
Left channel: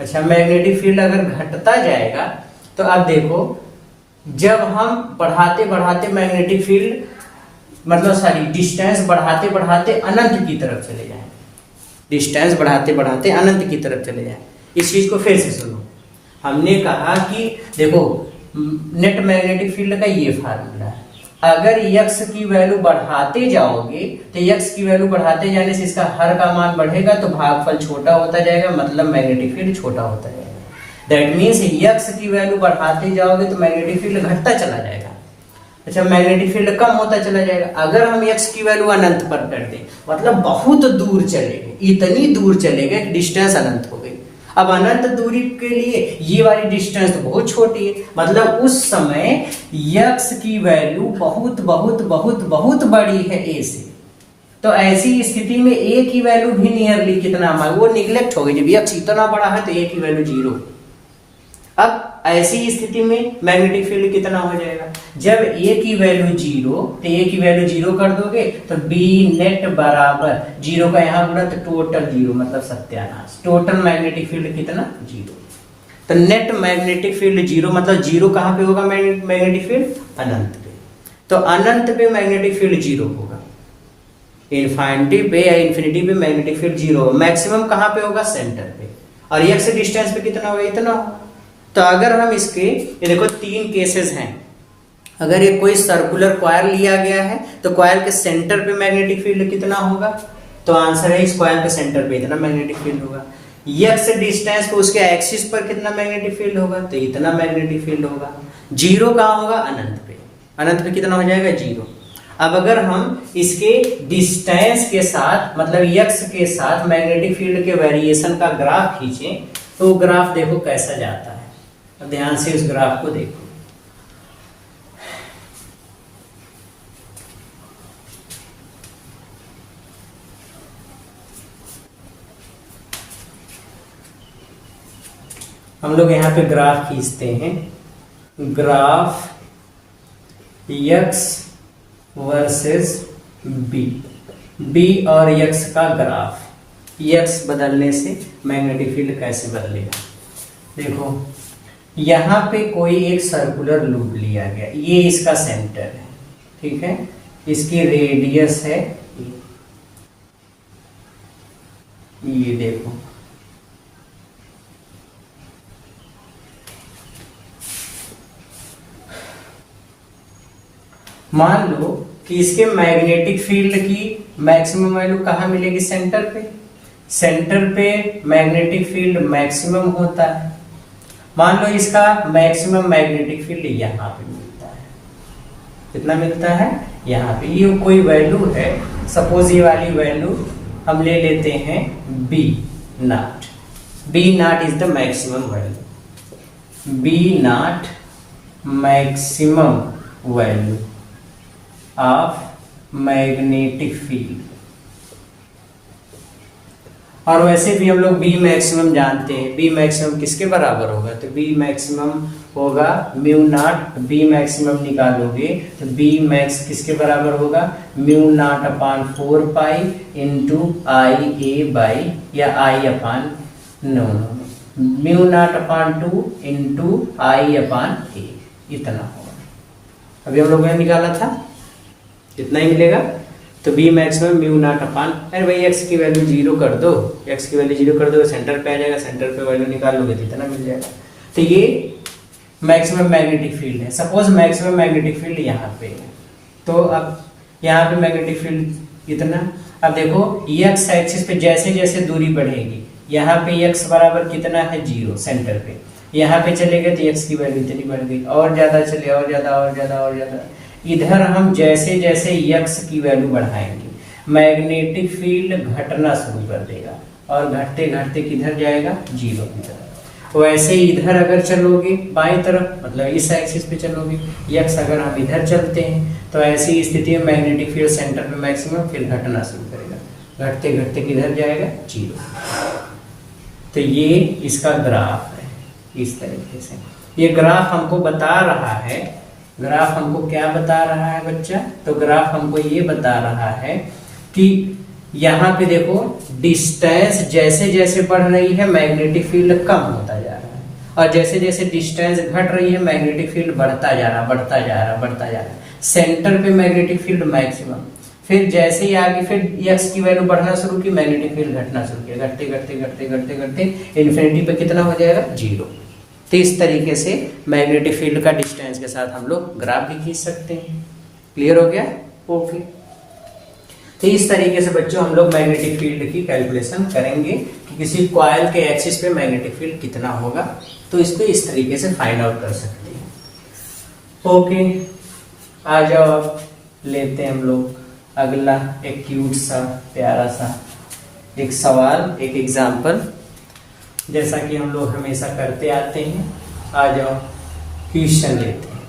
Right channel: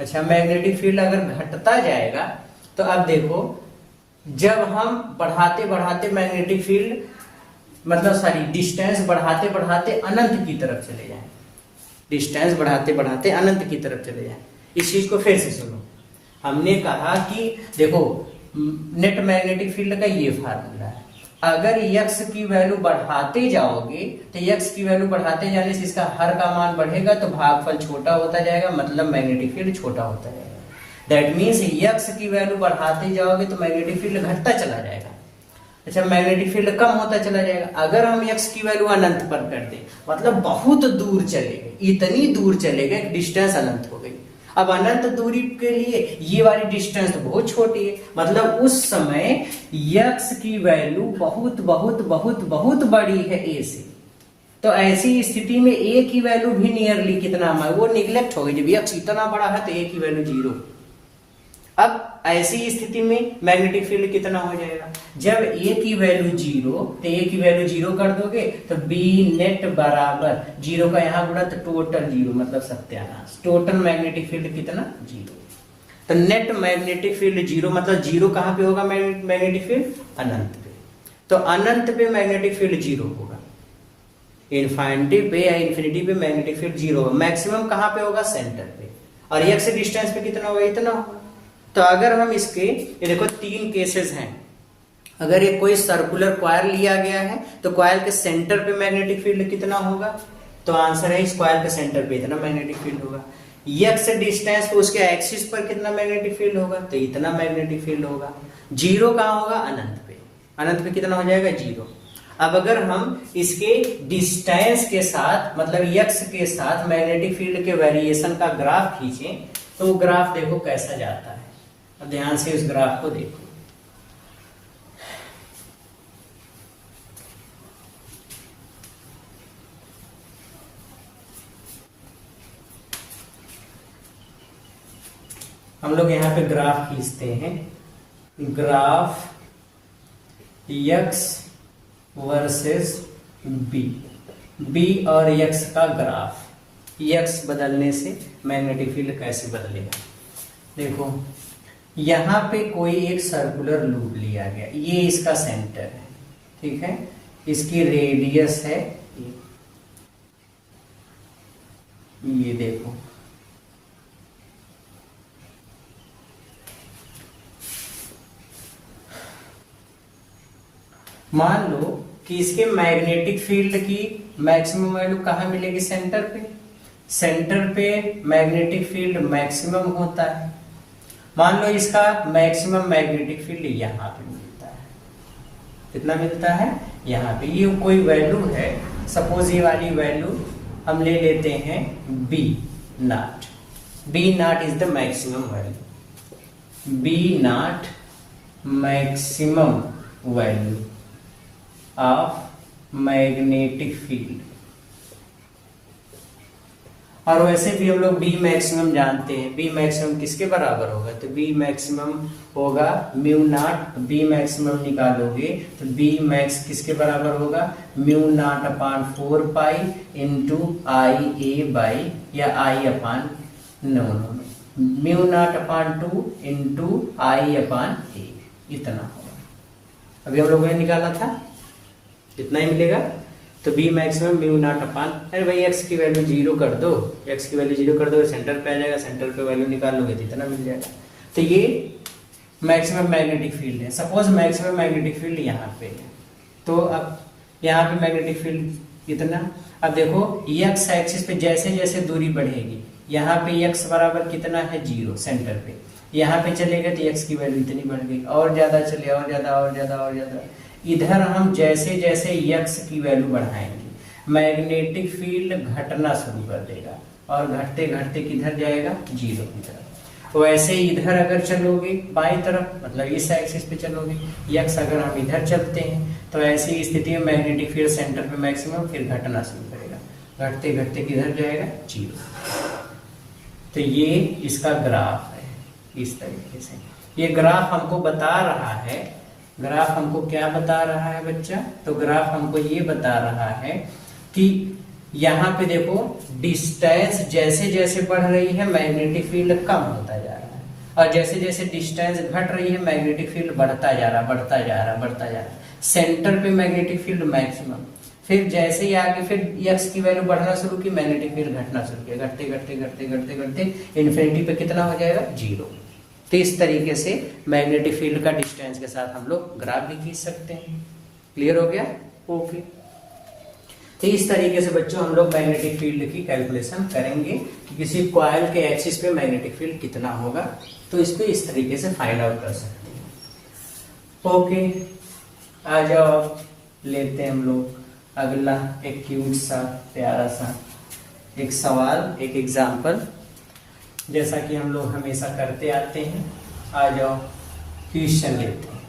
अच्छा, मैग्नेटिक फील्ड अगर घटता जाएगा तो अब देखो, जब हम बढ़ाते बढ़ाते मैग्नेटिक फील्ड, मतलब सॉरी डिस्टेंस बढ़ाते बढ़ाते अनंत की तरफ चले जाए, डिस्टेंस बढ़ाते बढ़ाते अनंत की तरफ चले जाए। इस चीज को फिर से सुनो, हमने कहा कि देखो नेट मैग्नेटिक फील्ड का ये फार्मूला, अगर यक्स की वैल्यू बढ़ाते जाओगे तो यक्स की वैल्यू बढ़ाते जाने से इसका हर का मान बढ़ेगा तो भागफल छोटा होता जाएगा, मतलब मैग्नेटिक फील्ड छोटा होता जाएगा। दैट मीन्स यक्स की वैल्यू बढ़ाते जाओगे तो मैग्नेटिक फील्ड घटता चला जाएगा। अच्छा, मैग्नेटिक फील्ड कम होता चला जाएगा। अगर हम एक्स की वैल्यू अनंत पर कर दें, मतलब बहुत दूर चले गए, इतनी दूर चले गए डिस्टेंस अनंत हो गई। अब अनंत दूरी के लिए ये वाली डिस्टेंस तो बहुत छोटी है, मतलब उस समय यक्स की वैल्यू बहुत बहुत बहुत बहुत बड़ी है ए से। तो ऐसी स्थिति में ए की वैल्यू भी नियरली कितना है, वो निगलेक्ट हो गई। जब यक्स इतना बड़ा है तो ए की वैल्यू 0। अब ऐसी स्थिति में मैग्नेटिक फील्ड कितना हो जाएगा? जब ए की वैल्यू 0, तो ए की वैल्यू 0 कर दोगे तो बी नेट बराबर 0 का यहाँ गुणा तो टोटल 0, मतलब सत्यानाश। टोटल मैग्नेटिक फील्ड कितना? 0। तो नेट मैग्नेटिक फील्ड 0, मतलब 0 कहाँ पे होगा मैग्नेटिक फील्ड? अनंत पे। तो अनंत पे मैग्नेटिक फील्ड 0 होगा, इनफाइनिटी पे या इन्फिनिटी पे मैग्नेटिक फील्ड 0 होगा। मैक्सिमम कहाँ पे होगा? सेंटर पे। और एक से डिस्टेंस पे कितना होगा? इतना होगा। तो अगर हम इसके, ये देखो 3 केसेस हैं। अगर एक कोई सर्कुलर कॉइल लिया गया है तो कॉइल के सेंटर पे मैग्नेटिक फील्ड कितना होगा? तो आंसर है इस कॉइल के सेंटर पे इतना मैग्नेटिक फील्ड होगा। एक्स डिस्टेंस पे उसके एक्सिस पर कितना मैग्नेटिक फील्ड होगा? तो इतना मैग्नेटिक फील्ड होगा। 0 कहाँ होगा? अनंत पे। अनंत पे कितना हो जाएगा? 0। अब अगर हम इसके डिस्टेंस के साथ, मतलब एक्स के साथ मैग्नेटिक फील्ड के वेरिएशन का ग्राफ खींचें तो ग्राफ देखो कैसा जाता है। ध्यान से इस ग्राफ को देखो। हम लोग यहाँ पे ग्राफ खींचते हैं, ग्राफ x वर्सेस b और x का ग्राफ। x बदलने से मैग्नेटिक फील्ड कैसे बदलेगा? देखो, यहाँ पे कोई एक सर्कुलर लूप लिया गया, ये इसका सेंटर है, ठीक है, इसकी रेडियस है ये देखो, मान लो कि इसके मैग्नेटिक फील्ड की मैक्सिमम वैल्यू कहाँ मिलेगी? सेंटर पे। सेंटर पे मैग्नेटिक फील्ड मैक्सिमम होता है। मान लो इसका मैक्सिमम मैग्नेटिक फील्ड यहाँ पे मिलता है। कितना मिलता है? यहाँ पे। ये कोई वैल्यू है, सपोज ये वाली वैल्यू हम ले लेते हैं B nought. B nought is the maximum value. B nought maximum value of magnetic field. और वैसे भी हम लोग बी मैक्सिमम जानते हैं, बी मैक्सिमम किसके बराबर होगा, तो बी मैक्सिमम होगा म्यू नॉट, बी मैक्सिमम निकालोगे तो बी मैक्स किसके बराबर होगा, mu not upon 4 pi into I A by, या आई अपान no mu naught upon 2 into आई अपान ए, इतना होगा। अभी हम लोगों ने निकाला था, इतना ही मिलेगा। तो बी मैक्सिमम म्यू नॉट अपान, अरे भाई एक्स की वैल्यू 0 कर दो, एक्स की वैल्यू 0 कर दो, सेंटर पे आ जाएगा, सेंटर पे वैल्यू निकाल लोगे तो इतना मिल जाएगा। तो ये मैक्सिमम मैग्नेटिक फील्ड है। सपोज मैक्सिमम मैग्नेटिक फील्ड यहाँ पे है, तो अब यहाँ पे मैग्नेटिक फील्ड इतना। अब देखो एक्स एक्सिस पे जैसे जैसे दूरी बढ़ेगी, यहाँ पे एक्स बराबर कितना है 0 सेंटर पे, यहाँ पे चले गए तो एक्स की वैल्यू इतनी बढ़ गई, और ज्यादा चले, और ज्यादा और ज्यादा और ज्यादा। इधर हम जैसे जैसे यक्स की वैल्यू बढ़ाएंगे, मैग्नेटिक फील्ड घटना शुरू कर देगा, और घटते घटते किधर जाएगा, 0 की तरफ। वैसे इधर अगर चलोगे बाएं तरफ, मतलब इस एक्सिस पे चलोगे, यक्स अगर हम इधर चलते हैं तो ऐसी स्थिति में मैग्नेटिक फील्ड सेंटर पे मैक्सिमम, फिर घटना शुरू करेगा, घटते घटते किधर जाएगा, 0। तो ये इसका ग्राफ है, इस तरीके से। ये ग्राफ हमको बता रहा है, ग्राफ हमको क्या बता रहा है बच्चा, तो ग्राफ हमको ये बता रहा है कि यहाँ पे देखो डिस्टेंस जैसे जैसे बढ़ रही है मैग्नेटिक फील्ड कम होता जा रहा है, और जैसे जैसे डिस्टेंस घट रही है मैग्नेटिक फील्ड बढ़ता जा रहा, बढ़ता जा रहा, बढ़ता जा रहा। सेंटर पे मैग्नेटिक फील्ड मैक्सिमम, फिर जैसे ही आगे फिर एक्स की वैल्यू बढ़ना शुरू की, मैग्नेटिक फील्ड घटना शुरू किया, घटते घटते घटते घटते घटते इन्फिनिटी पे कितना हो जाएगा, 0। तो इस तरीके से मैग्नेटिक फील्ड का डिस्टेंस के साथ हम लोग ग्राफ भी खींच सकते हैं। क्लियर हो गया, ओके। तो इस तरीके से बच्चों हम लोग मैग्नेटिक फील्ड की कैलकुलेशन करेंगे कि किसी कॉइल के एक्सिस पे मैग्नेटिक फील्ड कितना होगा, तो इसको इस तरीके से फाइंड आउट कर सकते हैं। ओके, आ जाओ लेते हैं हम लोग अगला एक क्यूट सा प्यारा सा एक सवाल, एक एग्जाम्पल, जैसा कि हम लोग हमेशा करते आते हैं। आ जाओ क्वेश्चन लेते हैं।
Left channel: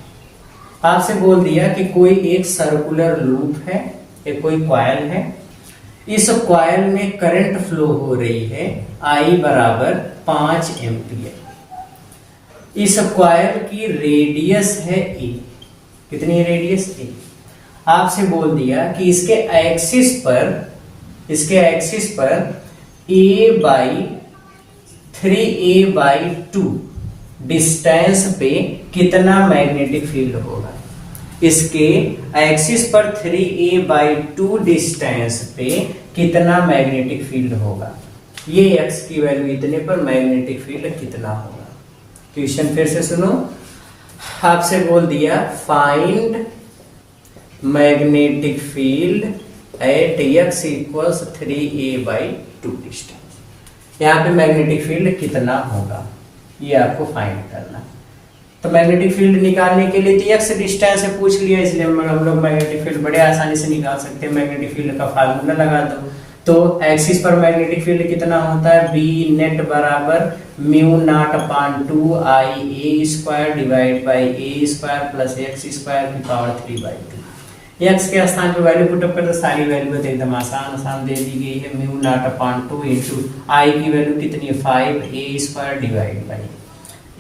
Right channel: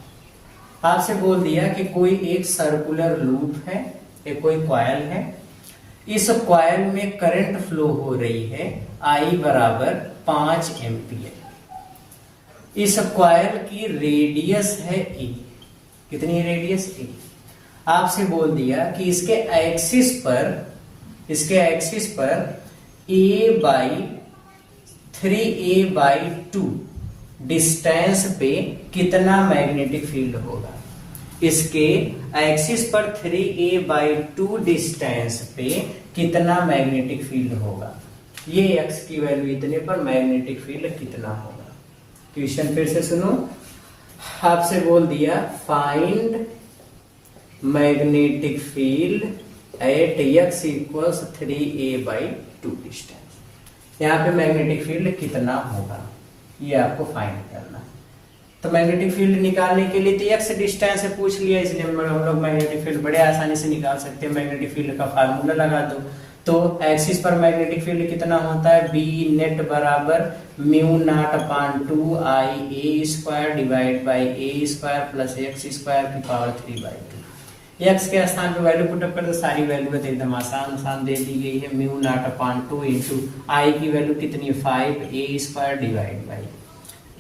आपसे बोल दिया कि कोई एक सर्कुलर लूप है, एक कोई कॉइल है, इस कॉइल में करंट फ्लो हो रही है I बराबर 5 एम्पियर। इस कॉइल की रेडियस है A, कितनी है रेडियस A। आपसे बोल दिया कि इसके एक्सिस पर A बाई 3A/2 डिस्टेंस पे कितना मैग्नेटिक फील्ड होगा। इसके एक्सिस पर 3A/2 डिस्टेंस पे कितना मैग्नेटिक फील्ड होगा, ये x की वैल्यू इतने पर मैग्नेटिक फील्ड कितना होगा। क्वेश्चन फिर से सुनो। आपसे बोल दिया find magnetic field at x equals 3A/2 distance. यहाँ पे मैग्नेटिक फील्ड कितना होगा ये आपको फाइंड करना है। तो मैग्नेटिक फील्ड निकालने के लिए तो x डिस्टेंस से पूछ लिया, इसलिए हम लोग मैग्नेटिक फील्ड बड़े आसानी से निकाल सकते हैं। मैग्नेटिक फील्ड का फार्मूला लगा दो, तो एक्सिस पर मैग्नेटिक फील्ड कितना होता है, बी नेट बराबर mu not upon 2IA² divide by A² plus x² की पावर 3/2। एक्स के स्थान पे वैल्यू पुटअप कर दो, सारी वैल्यू तो एकदम आसान दे दी गई है। म्यू नॉट अपान 2 इंटू आई की वैल्यू कितनी है 5A² divide by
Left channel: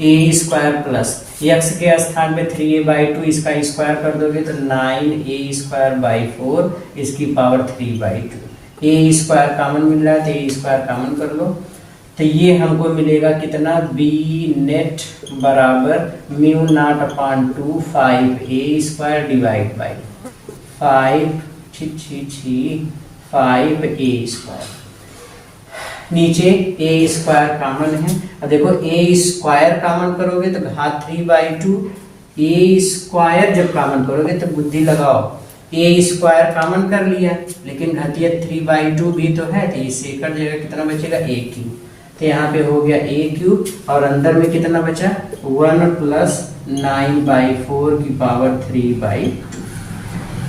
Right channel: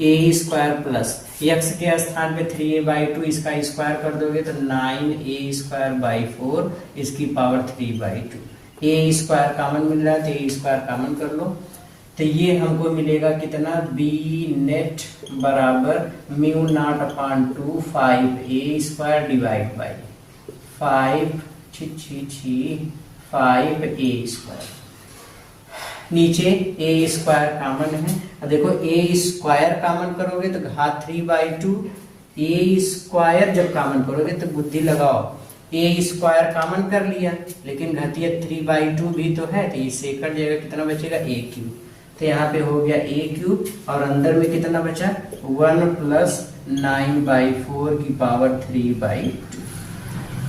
A² plus x के स्थान पे 3A/2, इसका स्क्वायर कर दोगे तो 9A²/4 इसकी पावर 3/2। A² कॉमन मिल रहा है तो A² कॉमन कर लो, तो ये हमको मिलेगा कितना, बी नेट बराबर mu not upon 2 5A² divide by 5A²। नीचे A² कॉमन है। अब देखो A² कॉमन करोगे तो घात 3/2, A² जब कॉमन करोगे तो बुद्धि लगाओ, A² कॉमन कर लिया लेकिन घातीय 3/2 भी तो है, तो इससे कट जाएगा, कितना बचेगा A³। तो यहाँ पे हो गया A³ और अंदर में कितना बचा 1 प्लस 9/4 की पावर 3/2।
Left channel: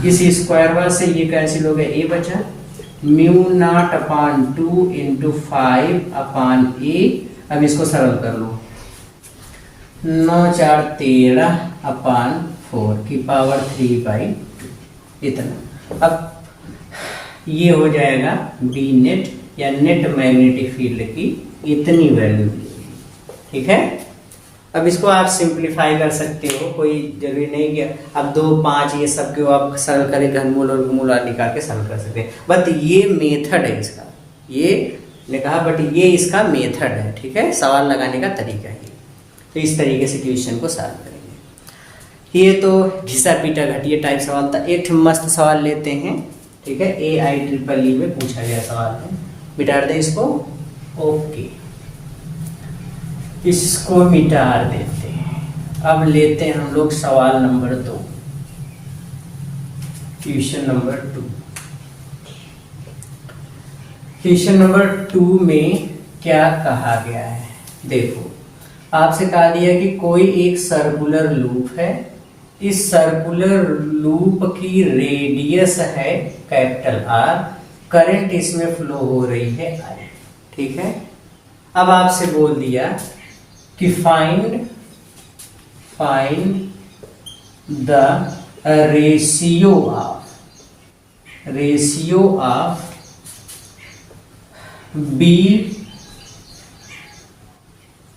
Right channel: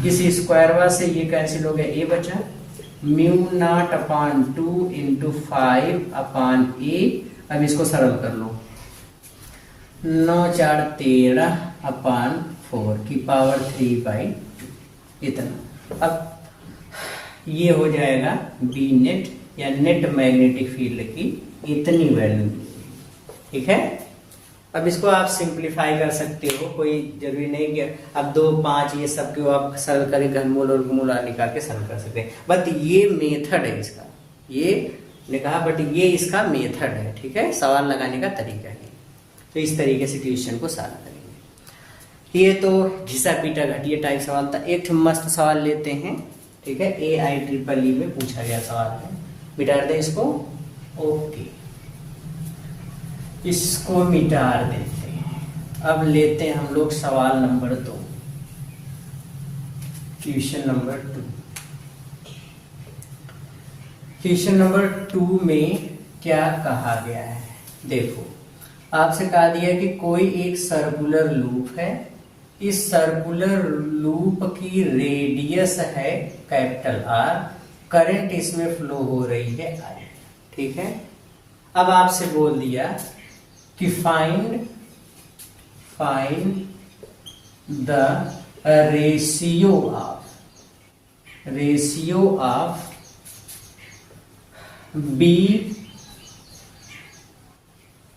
इस स्क्वायर से ये कैंसिल हो गया, A बचा mu not upon 2 into 5 upon A। अब इसको सरल कर लो, 9 4 13 अपान 4 की पावर 3/2 इतना। अब ये हो जाएगा बी नेट या नेट मैग्नेटिक फील्ड की इतनी वैल्यू, ठीक है। अब इसको आप सिंप्लीफाई कर सकते हो, कोई जरूरी नहीं कि अब 2 5 ये सब को आप सरल करें, घनमूल और वर्गमूल निकाल के सरल कर सकते हैं, बट ये मेथड है इसका, ये ने कहा बट ये इसका मेथड है, ठीक है, सवाल लगाने का तरीका है। तो इस तरीके से क्वेश्चन को सॉल्व करेंगे। ये तो घिसा पीटा घटिया टाइप सवाल था। एक मस्त सवाल लेते हैं, ठीक है, AIEEE में पूछा गया सवाल है, मिटा दे इसको, ओके, इसको मिटा देते हैं। अब लेते हैं हम लोग सवाल number 2, question number 2। Question number 2 में क्या कहा गया है, देखो आपसे कहा दिया कि कोई एक सर्कुलर लूप है, इस सर्कुलर लूप की रेडियस है कैपिटल R, करंट इसमें फ्लो हो रही है I, ठीक है। अब आपसे बोल दिया कि find the ratio of B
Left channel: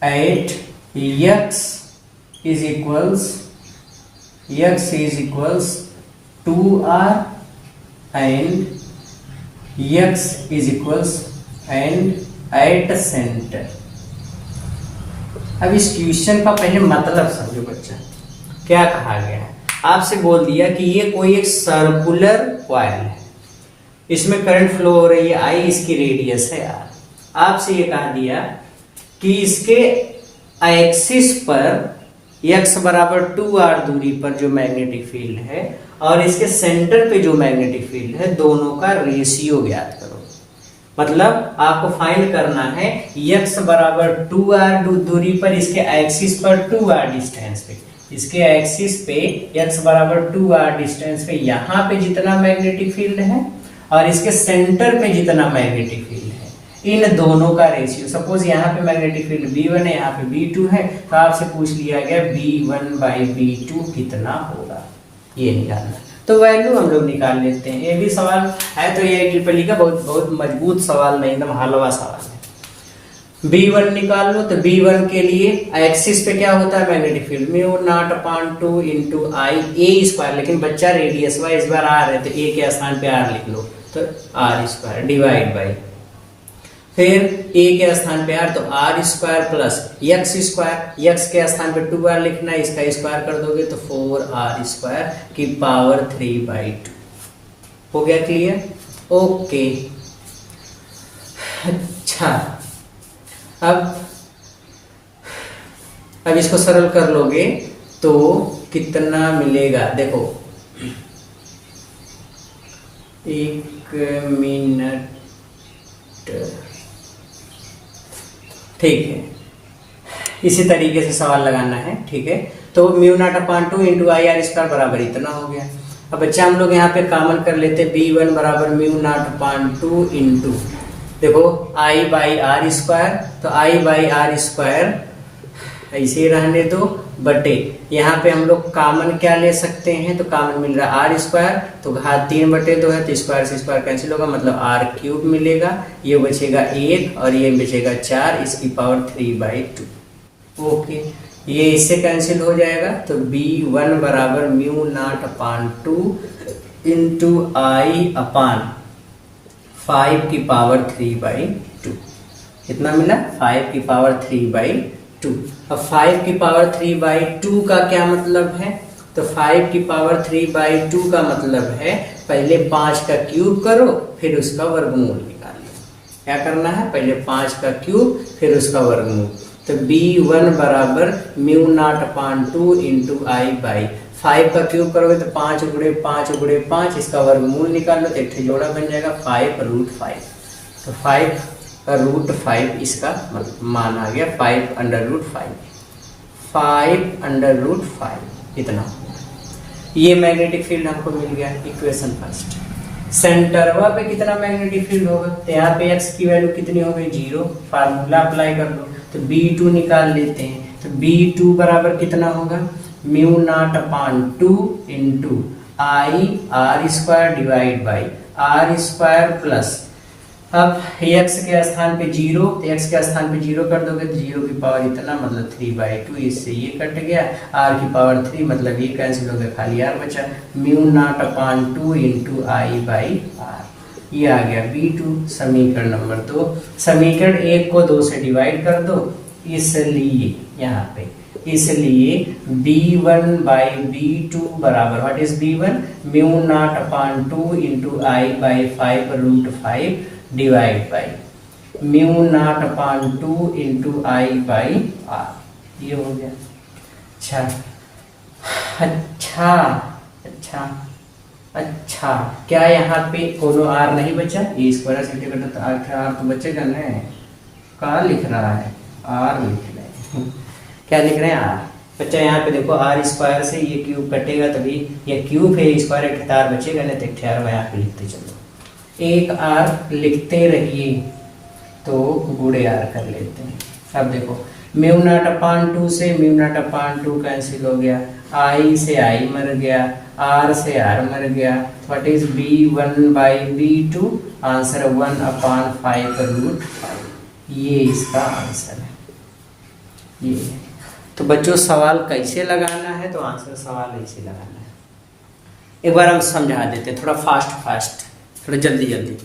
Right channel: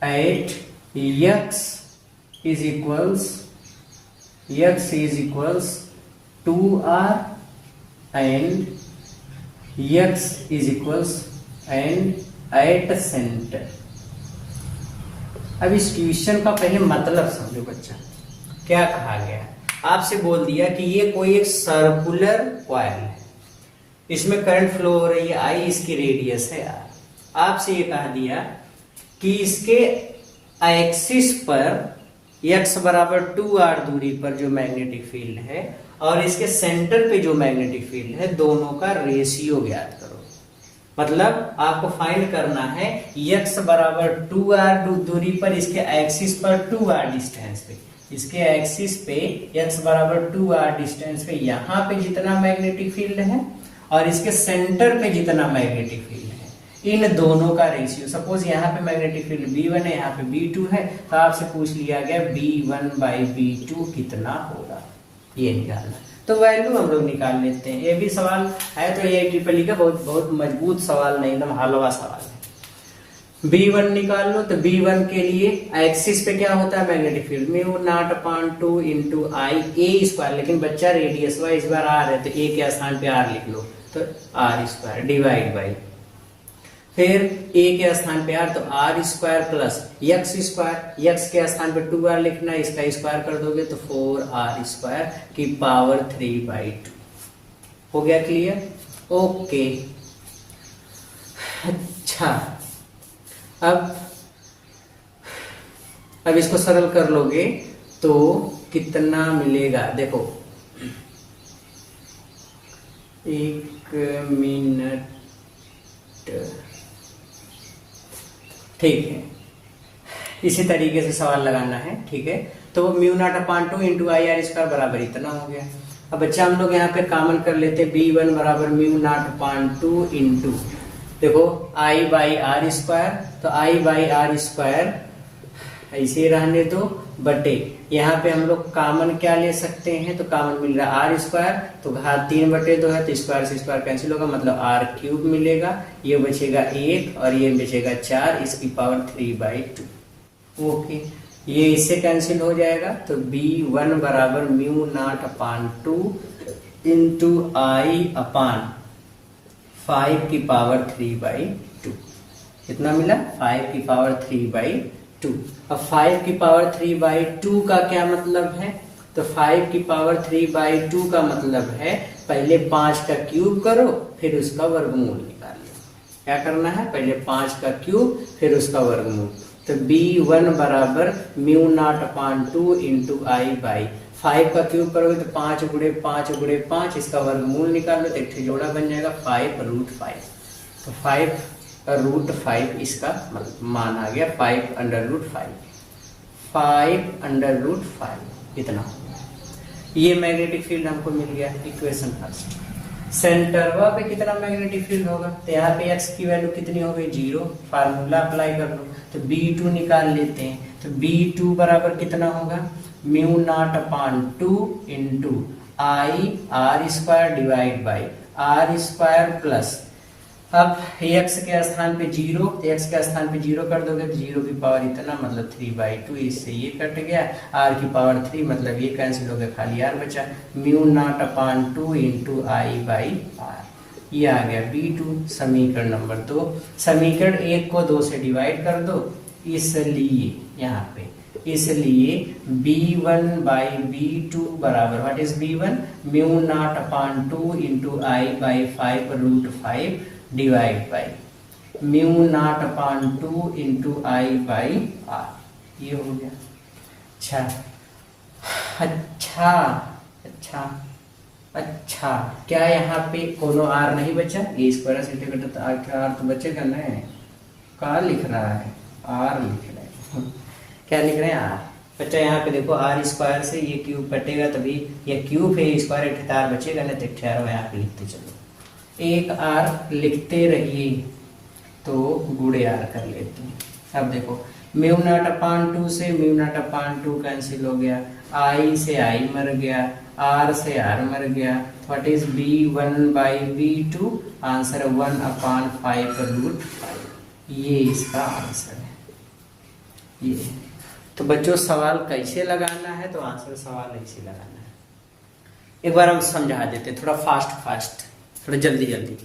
at x is equals 2R and x is equals and at center। अब इस क्वेश्चन का पहले मतलब समझो बच्चा, क्या कहा गया है। आपसे बोल दिया कि ये कोई एक सर्कुलर कॉइल है, इसमें करंट फ्लो हो रही है I, इसकी रेडियस है R। आपसे ये कहा दिया कि इसके एक्सिस पर x बराबर 2R दूरी पर जो मैग्नेटिक फील्ड है और इसके सेंटर पे जो मैग्नेटिक फील्ड है, दोनों का रेशियो ज्ञात करो। मतलब आपको फाइंड करना है x बराबर 2R दूरी पर, इसके एक्सिस पर 2R डिस्टेंस पे, इसके एक्सिस पे x बराबर 2R डिस्टेंस पे यहाँ पे जितना मैग्नेटिक फील्ड है और इसके सेंटर पे जितना मैग्नेटिक फील्ड है, इन दोनों का रेशियो। सपोज यहाँ पे मैग्नेटिक फील्ड B1 है, यहाँ पे B2 है, तो आपसे पूछ लिया गया B1/B2 कितना होगा, ये निकालना। तो वैल्यू हम लोग निकाल लेते हैं। ये भी सवाल है तो ये AIEEE का बहुत मजबूत सवाल नहीं, एकदम हलवा सवाल है। B1 निकाल लो, तो B1 के लिए एक्सिस पे क्या होता है magnetic field, μ0/2 into I A², लेकिन बच्चा रेडियस वाइज इस बार R है तो A के स्थान पे R लिख लो, तो R² डिवाइड बाई, फिर A के स्थान पे R तो R² प्लस x², x के स्थान पे 2R लिखना है, इसका स्क्वायर कर दोगे तो 4R² की पावर 3/2 हो गया। Clear, okay. अच्छा, अब इसको सरल कर लोगे तो कितना मिलेगा, देखो 1 मिनट, ठीक है, इसी तरीके से सवाल लगाना है, ठीक है। तो μ0/2 इंटू IR² बराबर इतना हो गया। अब बच्चा हम लोग यहाँ पे कॉमन कर लेते, B1 बराबर μ0/2 इंटू, देखो I/R², तो I/R² ऐसे ही रहने दो, बटे यहाँ पे हम लोग कॉमन क्या ले सकते हैं, तो कॉमन मिल रहा है R², तो घात 3/2 है, तो स्क्वायर से स्क्वायर कैंसिल होगा, मतलब R³ मिलेगा, ये बचेगा 1 और ये बचेगा 4, इसकी पावर 3/2। ओके, ये इससे कैंसिल हो जाएगा, तो B1 बराबर μ0/2 इंटू I/5 की पावर 3/2, कितना मिला, 5 की पावर 3/2। अब 5 की पावर 3/2 का क्या मतलब है, तो 5 की पावर 3/2 का मतलब है पहले 5 का क्यूब करो फिर उसका वर्गमूल निकालो। क्या करना है, पहले 5 का क्यूब फिर उसका वर्गमूल, तो B1 बराबर μ0/2 इंटू I/5 का क्यूब करोगे तो 5 × 5 × 5, इसका वर्गमूल निकाल लो तो एक जोड़ा बन जाएगा 5√5, तो 5√5 इसका मान आ गया, 5√5 इतना। ये मैग्नेटिक फील्ड हमको मिल गया, इक्वेशन फर्स्ट। सेंटरवा पे कितना मैग्नेटिक फील्ड होगा, तो यहाँ पे x की वैल्यू कितनी हो गई, 0, फार्मूला अप्लाई कर लो, तो B2 निकाल लेते हैं, तो B2 बराबर कितना होगा, μ0/2 into I R square divide by R square plus, अब x के स्थान पे 0, तो x के स्थान पे 0 कर दोगे तो 0 की पावर इतना मतलब 3/2, इससे ये कट गया, r की पावर 3 मतलब ये कैंसिल हो गया, खाली r बचा, mu not upon 2 into I by R, ये आ गया B2 समीकरण नंबर 2। समीकरण 1 को 2 से डिवाइड कर दो, इसलिए यहाँ पे इसलिए B1 बाई B2 बराबर what is B1, mu not upon 2 into I by 5√5 divide by mu not upon 2 into I by R, ये हो गया। अच्छा अच्छा अच्छा अच्छा, क्या यहाँ पे कोनो आर नहीं बचा, ए स्क्वायर से कटा आर तो बचेगा ना, क्या लिख रहा है, आर लिख रहे हैं, क्या लिख रहे हैं, आर बच्चा। यहाँ पे देखो आर स्क्वायर से ये क्यूब कटेगा तभी, ये क्यूब है स्क्वायर, एक आर बचेगा ना, तो एक आर यहाँ पे लिखते चलो, एक आर लिखते रहिए, तो गुड़े आर कर लेते हैं। अब देखो म्यू नॉट अपान 2 से म्यू नॉट अपान 2 कैंसिल हो गया, आई से आई मर गया, आर से आर मर गया, what is B1 by B2, answer 1 अपान 5√5, ये इसका आंसर है। ये तो बच्चों सवाल कैसे लगाना है, तो आंसर सवाल ऐसे लगाना है। एक बार हम समझा देते हैं थोड़ा फास्ट, थोड़ा जल्दी।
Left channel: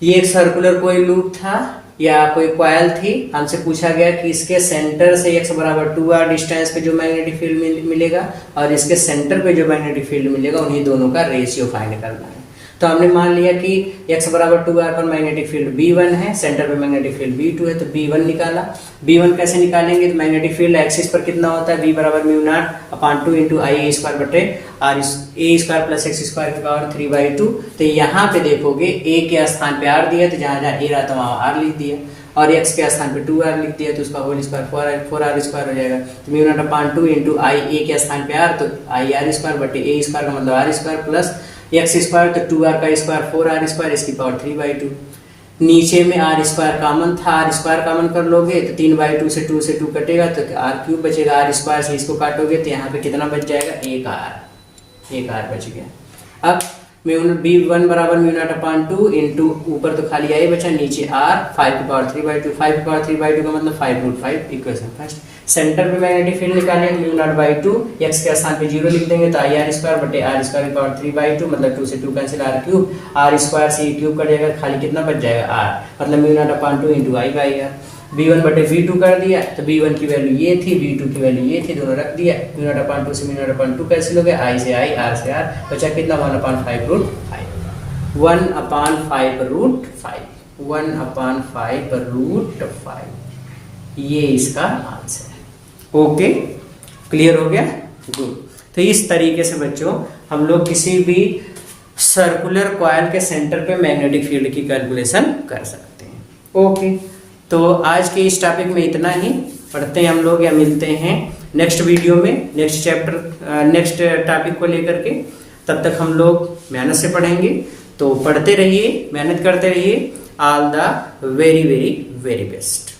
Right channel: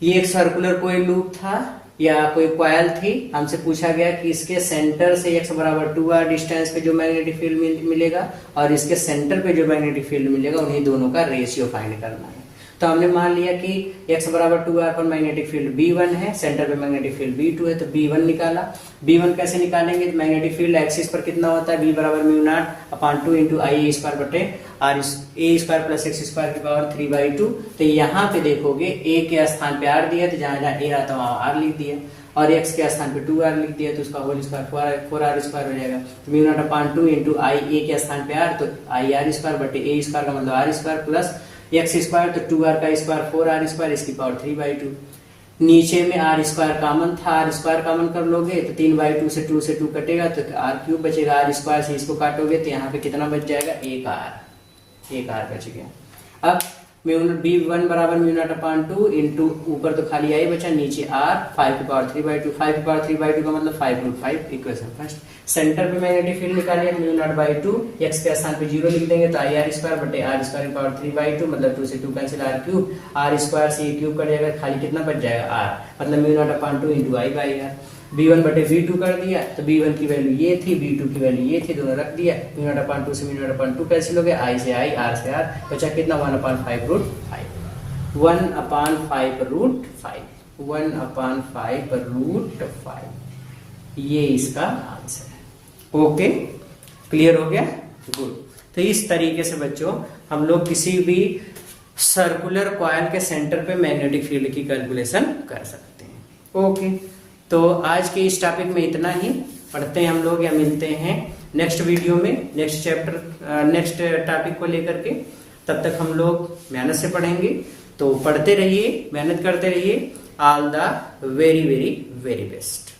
ये एक सर्कुलर कोई लूप था या कोई कॉइल थी, हमसे पूछा गया कि इसके सेंटर से x बराबर 2r डिस्टेंस पे जो मैग्नेटिक फील्ड मिलेगा और इसके सेंटर पे जो मैग्नेटिक फील्ड मिलेगा, उन्हीं दोनों का रेशियो फाइंड करना है। तो हमने मान लिया कि x बराबर 2r पर मैग्नेटिक फील्ड B1 है, सेंटर पे मैग्नेटिक फील्ड B2 है, तो B1 निकाला। B1 कैसे निकालेंगे, तो मैग्नेटिक फील्ड एक्सिस पर कितना होता है, B बराबर mu not upon 2 into I A square बटे R A square plus X square की पावर 3/2। तो यहाँ पे देखोगे a के स्थान पे r दिया, तो जहाँ जहाँ a रहा था वहाँ r लिख दिया, और x के स्थान पे 2r लिख दिया, तो उसका होल स्क्वायर 4r स्क्वायर हो जाएगा। तो mu not upon 2 into I ए के स्थान पे r, तो आई आर स्क्वायर बटे ए स्क्वायर का मतलब r square plus X square, तो 2r का स्क्वायर 4r स्क्वायर, इसकी पावर 3/2। नीचे में r स्क्वायर कॉमन था, r स्क्वायर कॉमन कर लोगे तो 3/2 से 2 से 2 कटेगा, तो r क्यूब बचेगा, r स्क्वायर से इसको काटोगे तो यहाँ पे कितना बच जाएगा, एक r बच गया। अब B1 बराबर म्यू नॉट अपान 2 इंटू ऊपर तो खाली आई बचा, नीचे r 5 की पावर 3/2, 5 की पावर 3/2 का मतलब 5√5, इक्वेशन फर्स्ट। सेंटर पे मैग्नेटिक फील्ड निकालेंगे, म्यू नॉट बाई 2, x के स्थान पे 0 लिख देंगे, तो आई आर स्क्वायर बटे आर स्क्वायर की पावर 3/2 मतलब 2 से 2 cancel, r cube, r square से क्यूब कटेगा, खाली कितना बच जाएगा r, मतलब mu not upon 2 into I by R. B1 बटे B2 कर दिया, तो B1 की वैल्यू ये थी, B2 की वैल्यू ये थी, दोनों रख दिया, म्यू नॉट अपान 2 से म्यू नॉट अपान 2 कैंसिल हो गया, आई से आई, आर से आर, बचा कितना 1 अपान 5√5, 1 अपान 5√5, 1 अपान 5√5, ये इसका आंसर है। ओके, क्लियर हो गया, गुड। तो इस तरीके से बच्चों हम लोग किसी भी सर्कुलर कॉइल के सेंटर पे मैग्नेटिक फील्ड की कैलकुलेशन कर सकते हैं। ओके, तो आज के इस टॉपिक में इतना ही, पढ़ते हैं हम लोग या मिलते हैं नेक्स्ट वीडियो में, नेक्स्ट चैप्टर नेक्स्ट टॉपिक को लेकर के। तब तक हम लोग मेहनत से पढ़ेंगे, तो पढ़ते रहिए, मेहनत करते रहिए। All the very very very best.